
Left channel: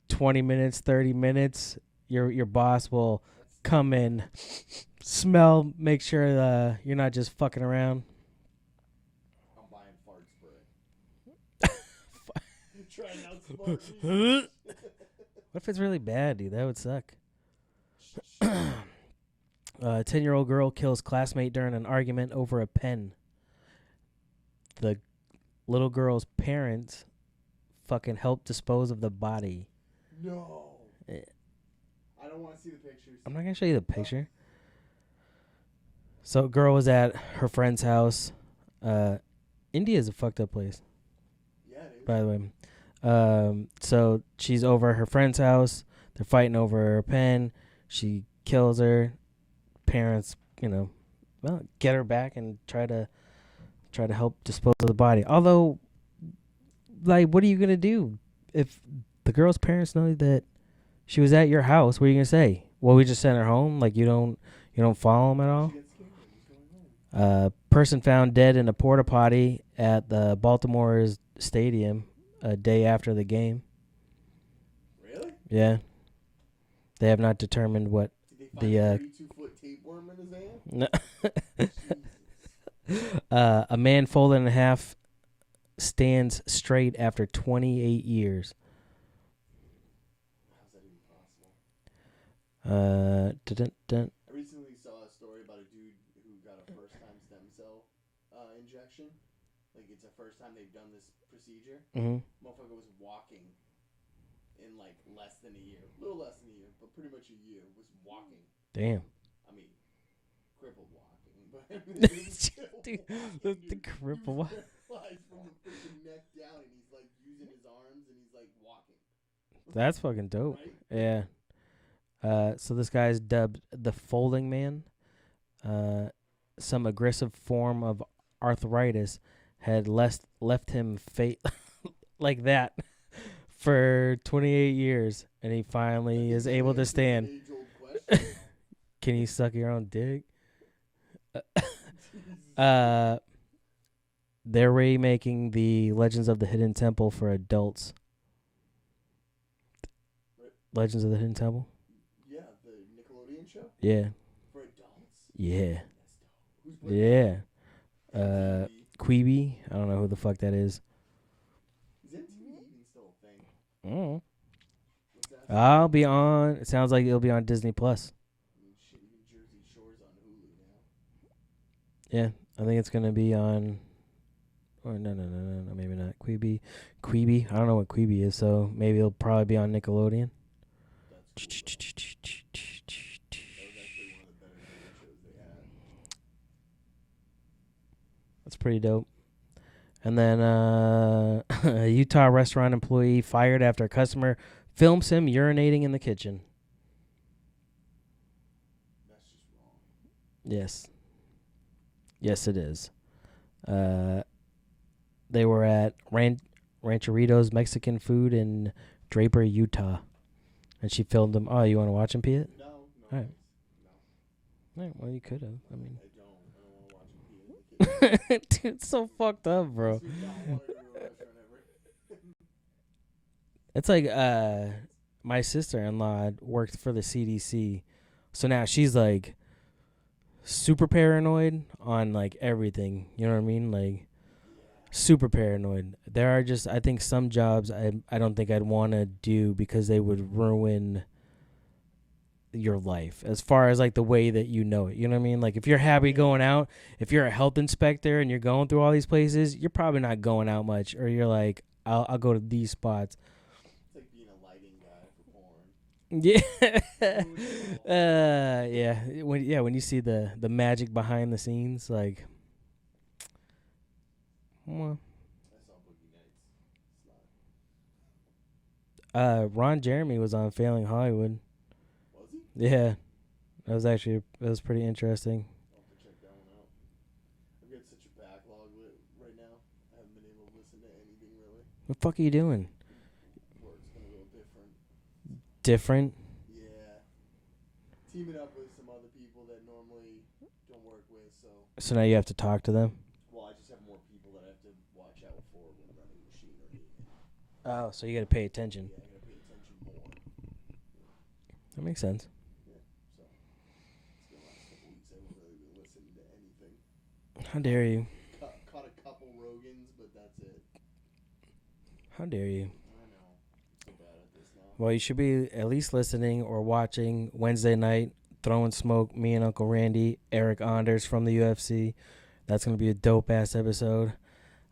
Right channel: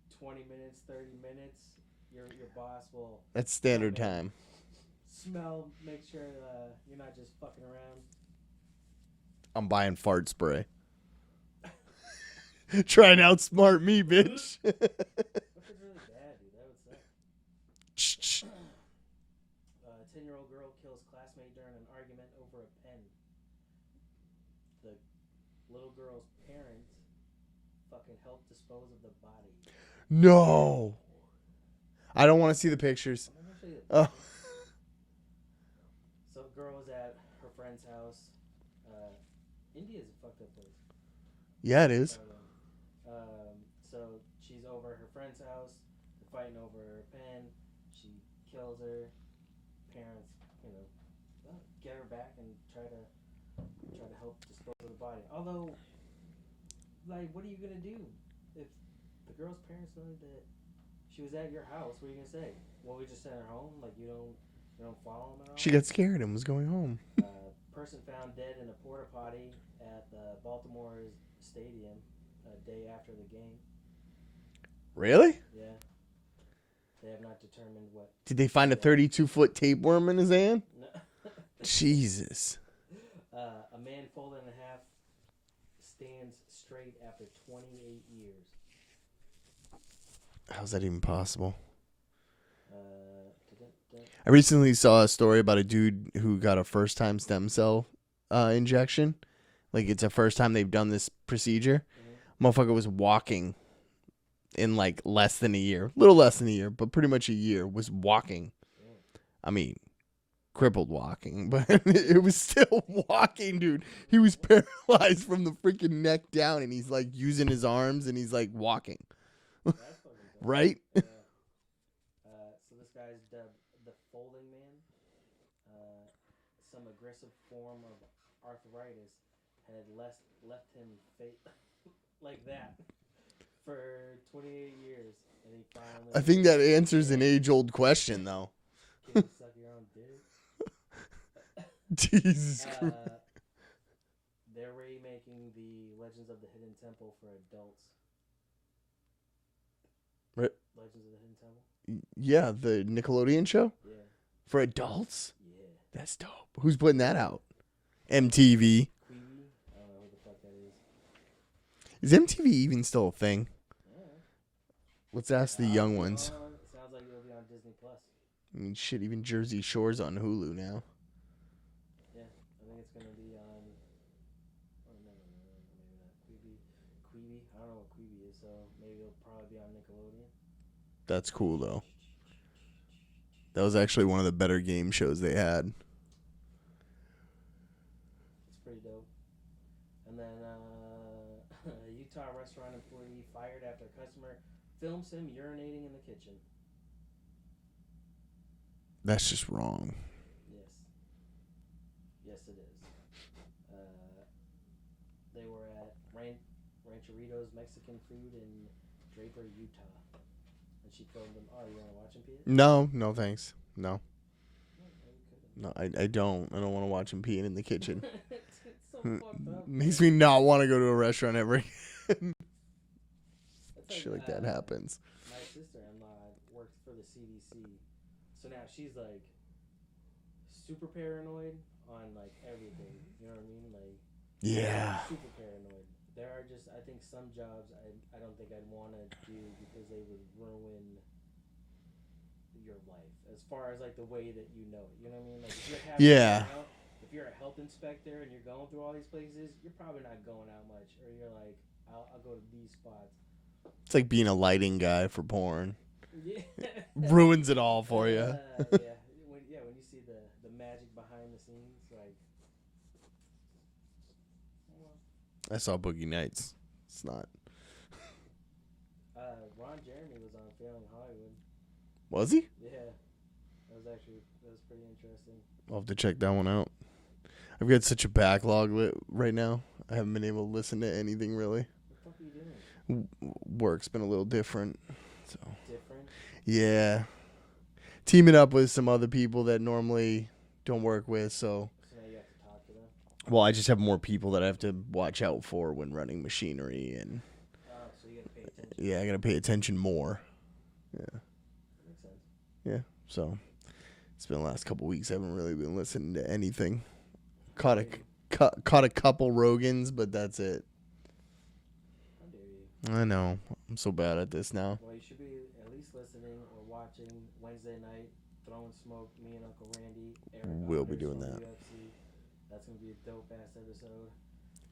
20 minutes, 30 minutes, your boss will come in, time. smell, make sure you're not just fucking around. I'm buying fart spray. Try and outsmart me, bitch. What if it's really bad, dude? That would suck. 10-year-old girl kills classmate during an argument over a pen. The little girl's parents fucking helped dispose of the body. No. I don't want to see the pictures. I'm not going to show you the picture. So, girl was at her friend's house. India is a fucked up place. Yeah, it is. By the way. So she's over at her friend's house. They're fighting over her pen. She kills her. Parents, get her back and try to help dispose of the body. Although, what are you gonna do if the girl's parents know that she was at your house? What are you gonna say? Well, we just sent her home. You don't follow them at all. She got scared and was going home. Person found dead in a porta potty at the Baltimore's stadium a day after the game. Really? Yeah. They have not determined what. Did they find a 32-foot tapeworm in his hand? No. Jesus. A man folded in half stands straight after 28 years. How's that even possible? I I recently saw a story about a dude who got a first-time stem cell injection. It's the first time they've done this procedure. Mm-hmm. Motherfucker was walking in less than a year. A little less than a year, but pretty much a year. Was walking. Damn. I mean, crippled walking, but it was still walking, dude. He was paralyzed from the freaking neck down, and he's using his arms, and he's walking. That's fucking dope. Right? Yeah. So this guy's dubbed the Folding Man. Some aggressive form of arthritis had left him like that for 28 years, and he finally. I think that answers an age-old question, though. Can you suck your own dick? Jesus. They're remaking the Legends of the Hidden Temple for adults. Right. Legends of the Hidden Temple? Yeah, the Nickelodeon show? Yeah. For adults? Yeah. That's dope. Who's putting that out? MTV. Quibi. I don't know who the fuck that is. Is MTV even still a thing? Mm. Let's ask the I'll young be ones. on. It sounds like it'll be on Disney Plus. I mean, shit, even Jersey Shore's on Hulu now. Yeah, I think it's gonna be on. Or no, maybe not. Quibi. I don't know what Quibi is, so maybe it'll probably be on Nickelodeon. That's cool though. That was actually one of the better game shows they had. That's pretty dope. And then a Utah restaurant employee fired after a customer films him urinating in the kitchen. That's just wrong. Yes. Yes, it is. They were at Rancheritos Mexican Food in Draper, Utah. And she filmed them. Oh, you want to watch him pee it? No, thanks. No. Right, well, you could have. No, I don't. I don't want to watch him peeing in the kitchen. Dude, it's so fucked up, bro. Makes me not want to go to a restaurant ever again. It's like that happens. My sister-in-law worked for the CDC. So now she's super paranoid on everything. You know what I mean? Yeah. Super paranoid. There are just, I think, some jobs I don't think I'd want to do because they would ruin your life as far as the way that you know it. You know what I mean? If you're happy going out, if you're a health inspector and you're going through all these places, you're probably not going out much, or you're I'll go to these spots. It's like being a lighting guy for porn. Yeah. Ruins it all for you. Yeah. When you see the magic behind the scenes, well. I saw Boogie Nights. It's not. Ron Jeremy was on Failing Hollywood. Was he? Yeah. That was pretty interesting. I'll have to check that one out. I've got such a backlog right now. I haven't been able to listen to anything really. What the fuck are you doing? Work's been a little different. So. Different? Yeah. Teaming up with some other people that normally don't work with, so now you have to talk to them? Well, I just have more people that I have to watch out for when running machinery and Oh, so you got to pay attention. Yeah, I got to pay attention more. Yeah. That makes sense. Yeah. So it's been the last couple weeks I haven't really been listening to anything. How dare you? Caught a couple Rogans, but that's it. How dare you? I know. I'm so bad at this now. Well, you should be at least listening or watching Wednesday night, Throwing Smoke, me and Uncle Randy, Eric Anders from the UFC. That's going to be a dope-ass episode.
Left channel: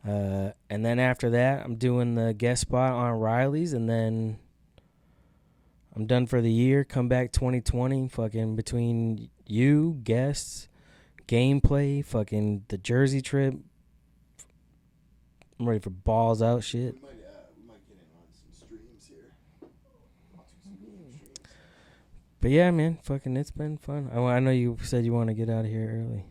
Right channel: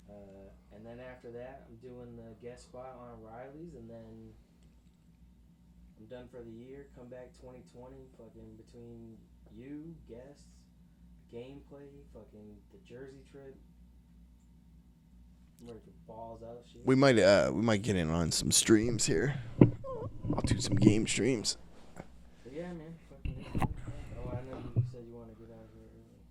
And then after that, I'm doing the guest spot on Riley's, and then I'm done for the year. Come back 2020, fucking between you, guests, gameplay, fucking the Jersey trip. I'm ready for balls out shit. We might get in on some streams here. I'll do some game streams. But yeah, man, fucking it's been fun. I know you said you want to get out of here early.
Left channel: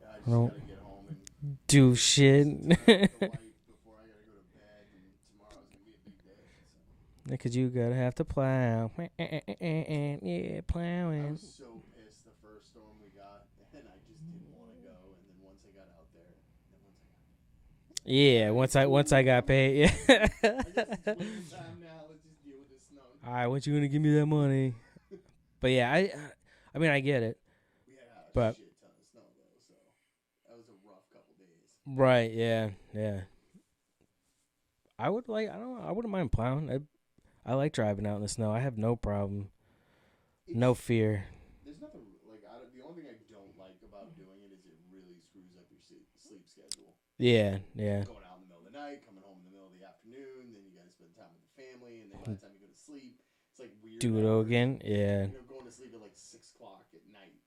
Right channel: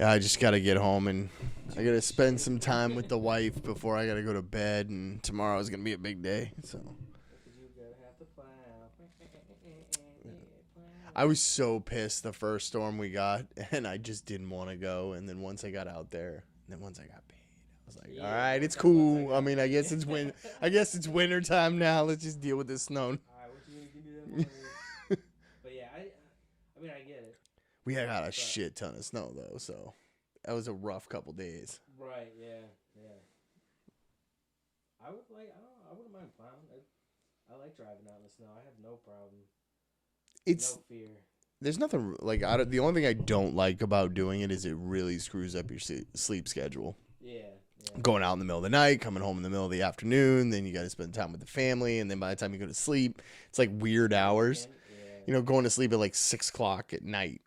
Yeah, I just gotta get home and do shit. Spend some time with the wife before I gotta go to bed. And tomorrow's gonna be a big day. So. Because you gotta have to plow. Yeah, plowing. I was so pissed the first storm we got, and I just didn't want to go. And then once I got out there, and then once I got paid. Yeah, right, once I got paid. I guess it's winter time now. Let's just deal with this snow. All right, what you gonna give me that money? But yeah, I mean, I get it. We had a shit ton of snow though, so that was a rough couple days. Right? Yeah. I wouldn't mind plowing. I like driving out in the snow. I have no problem. No fear. There's nothing like the only thing I don't like about doing it is it really screws up your sleep schedule. Yeah. Going out in the middle of the night, coming home in the middle of the afternoon, then you got to spend time with the family, and then by the time you go to sleep, it's like weird hours. Yeah. You know, going to sleep at like 6 o'clock at night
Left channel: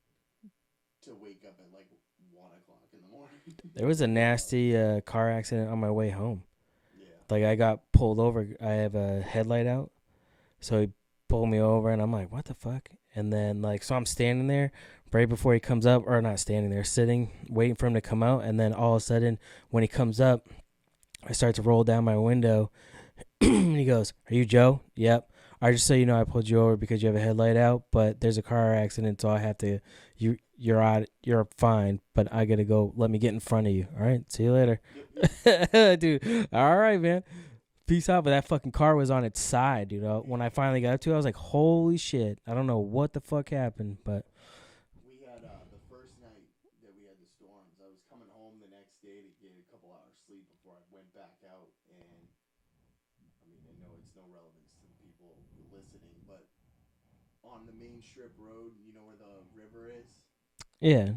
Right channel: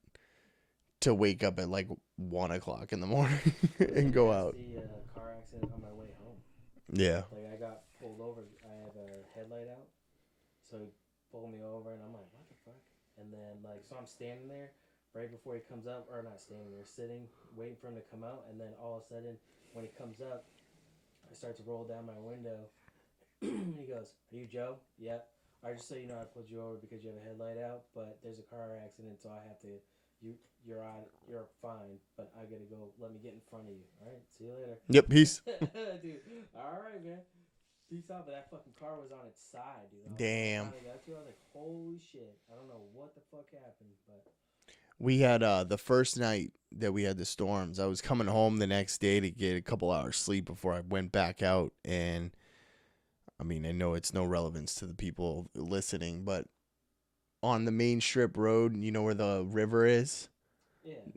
to wake up at like 1 o'clock in the morning. There was a nasty car accident on my way home. Yeah. Like I got pulled over. I have a headlight out, so he pulled me over, and I'm like, what the fuck? And then so I'm standing there right before he comes up, or not standing there, sitting, waiting for him to come out. And then all of a sudden, when he comes up, I start to roll down my window. And he goes, "Are you Joe?" "Yep." "I just so you know, I pulled you over because you have a headlight out, but there's a car accident, so I have to. You're fine, but I gotta go. Let me get in front of you. All right. See you later." Yep. Peace, dude. All right, man. Peace out. But that fucking car was on its side, dude. When I finally got up to it, I was like, "Holy shit!" I don't know what the fuck happened, but. We had the first night that we had the storms. I was coming home the next day to get a couple hours sleep before I went back out. And I mean, I know it's no relevance to the people listening, but on the main strip road, you know where the river is? Yeah.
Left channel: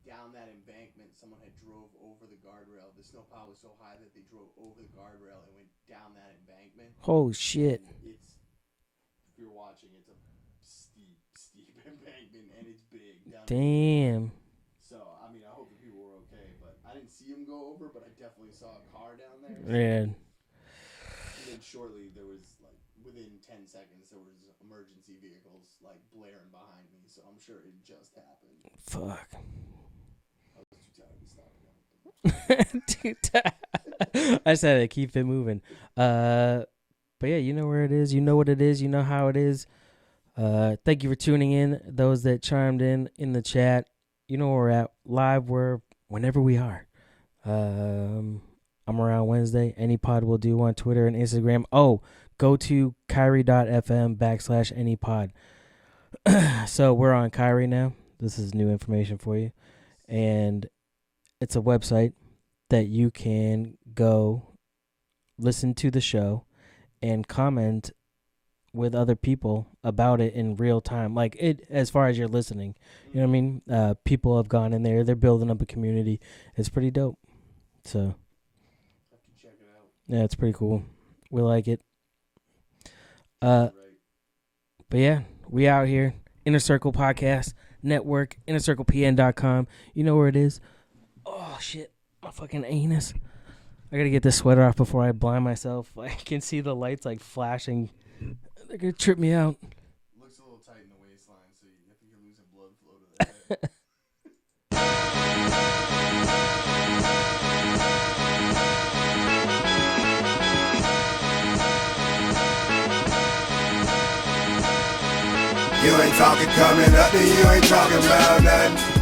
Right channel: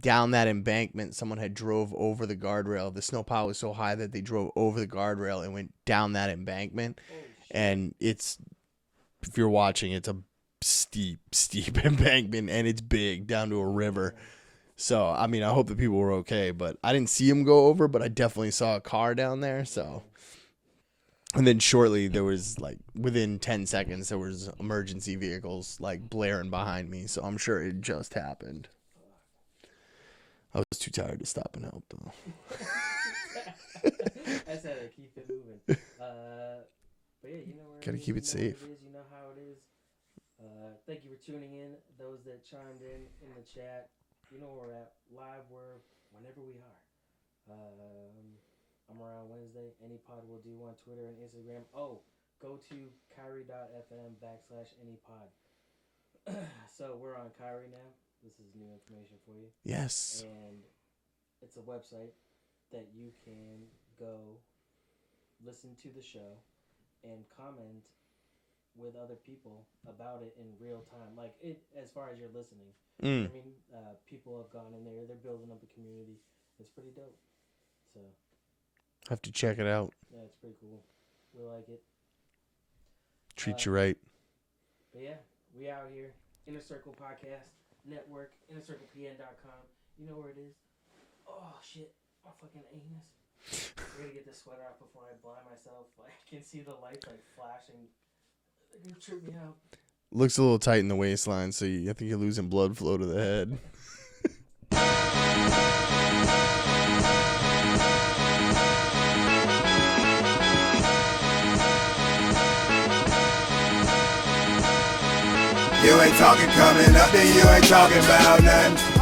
Down that embankment, someone had drove over the guardrail. The snowpile was so high that they drove over the guardrail and went down that embankment. Oh shit! And if you're watching, it's a steep embankment, and it's big down to a river. So I mean, I hope the people were okay, but I didn't see them go over, but I definitely saw a car down there. So. Man. And then shortly there was within 10 seconds there was emergency vehicles blaring behind me, so I'm sure it just happened. Fuck. I was too tired to stop and help though. I said it, keep it moving. But yeah, you know where it is, you know what it is, you know how it is. Thank you for tuning in. Those that chimed in the chat, you know where we're at. Live, whenever we are. I'm around Wednesday. Any pod will do on Twitter and Instagram. Oh, go to Kyrie.fm/anypod. So we're on Kyrie now. This is new information for you. Yes. And it's a website that you can go listen to the show and comment with other people about it in real time, as far as you're listening. You know what I mean? People have gone in there, they're building up a community. It's pretty dope. So have to check it out. Yeah, it's pretty cool. We like it. Treat you right. But yeah, we out here. Inner Circle Podcast Network, InnerCirclePN.com. You know where it is. Oh shit, my fucking anus. I gotta get this sweater off before I blind myself. I can see the lights flashing. They're gonna trip me out. Looks a little tight in the waistline, so I think you're losing blood flow to the head. You ain't talking coming up, and you ain't talking about nothing.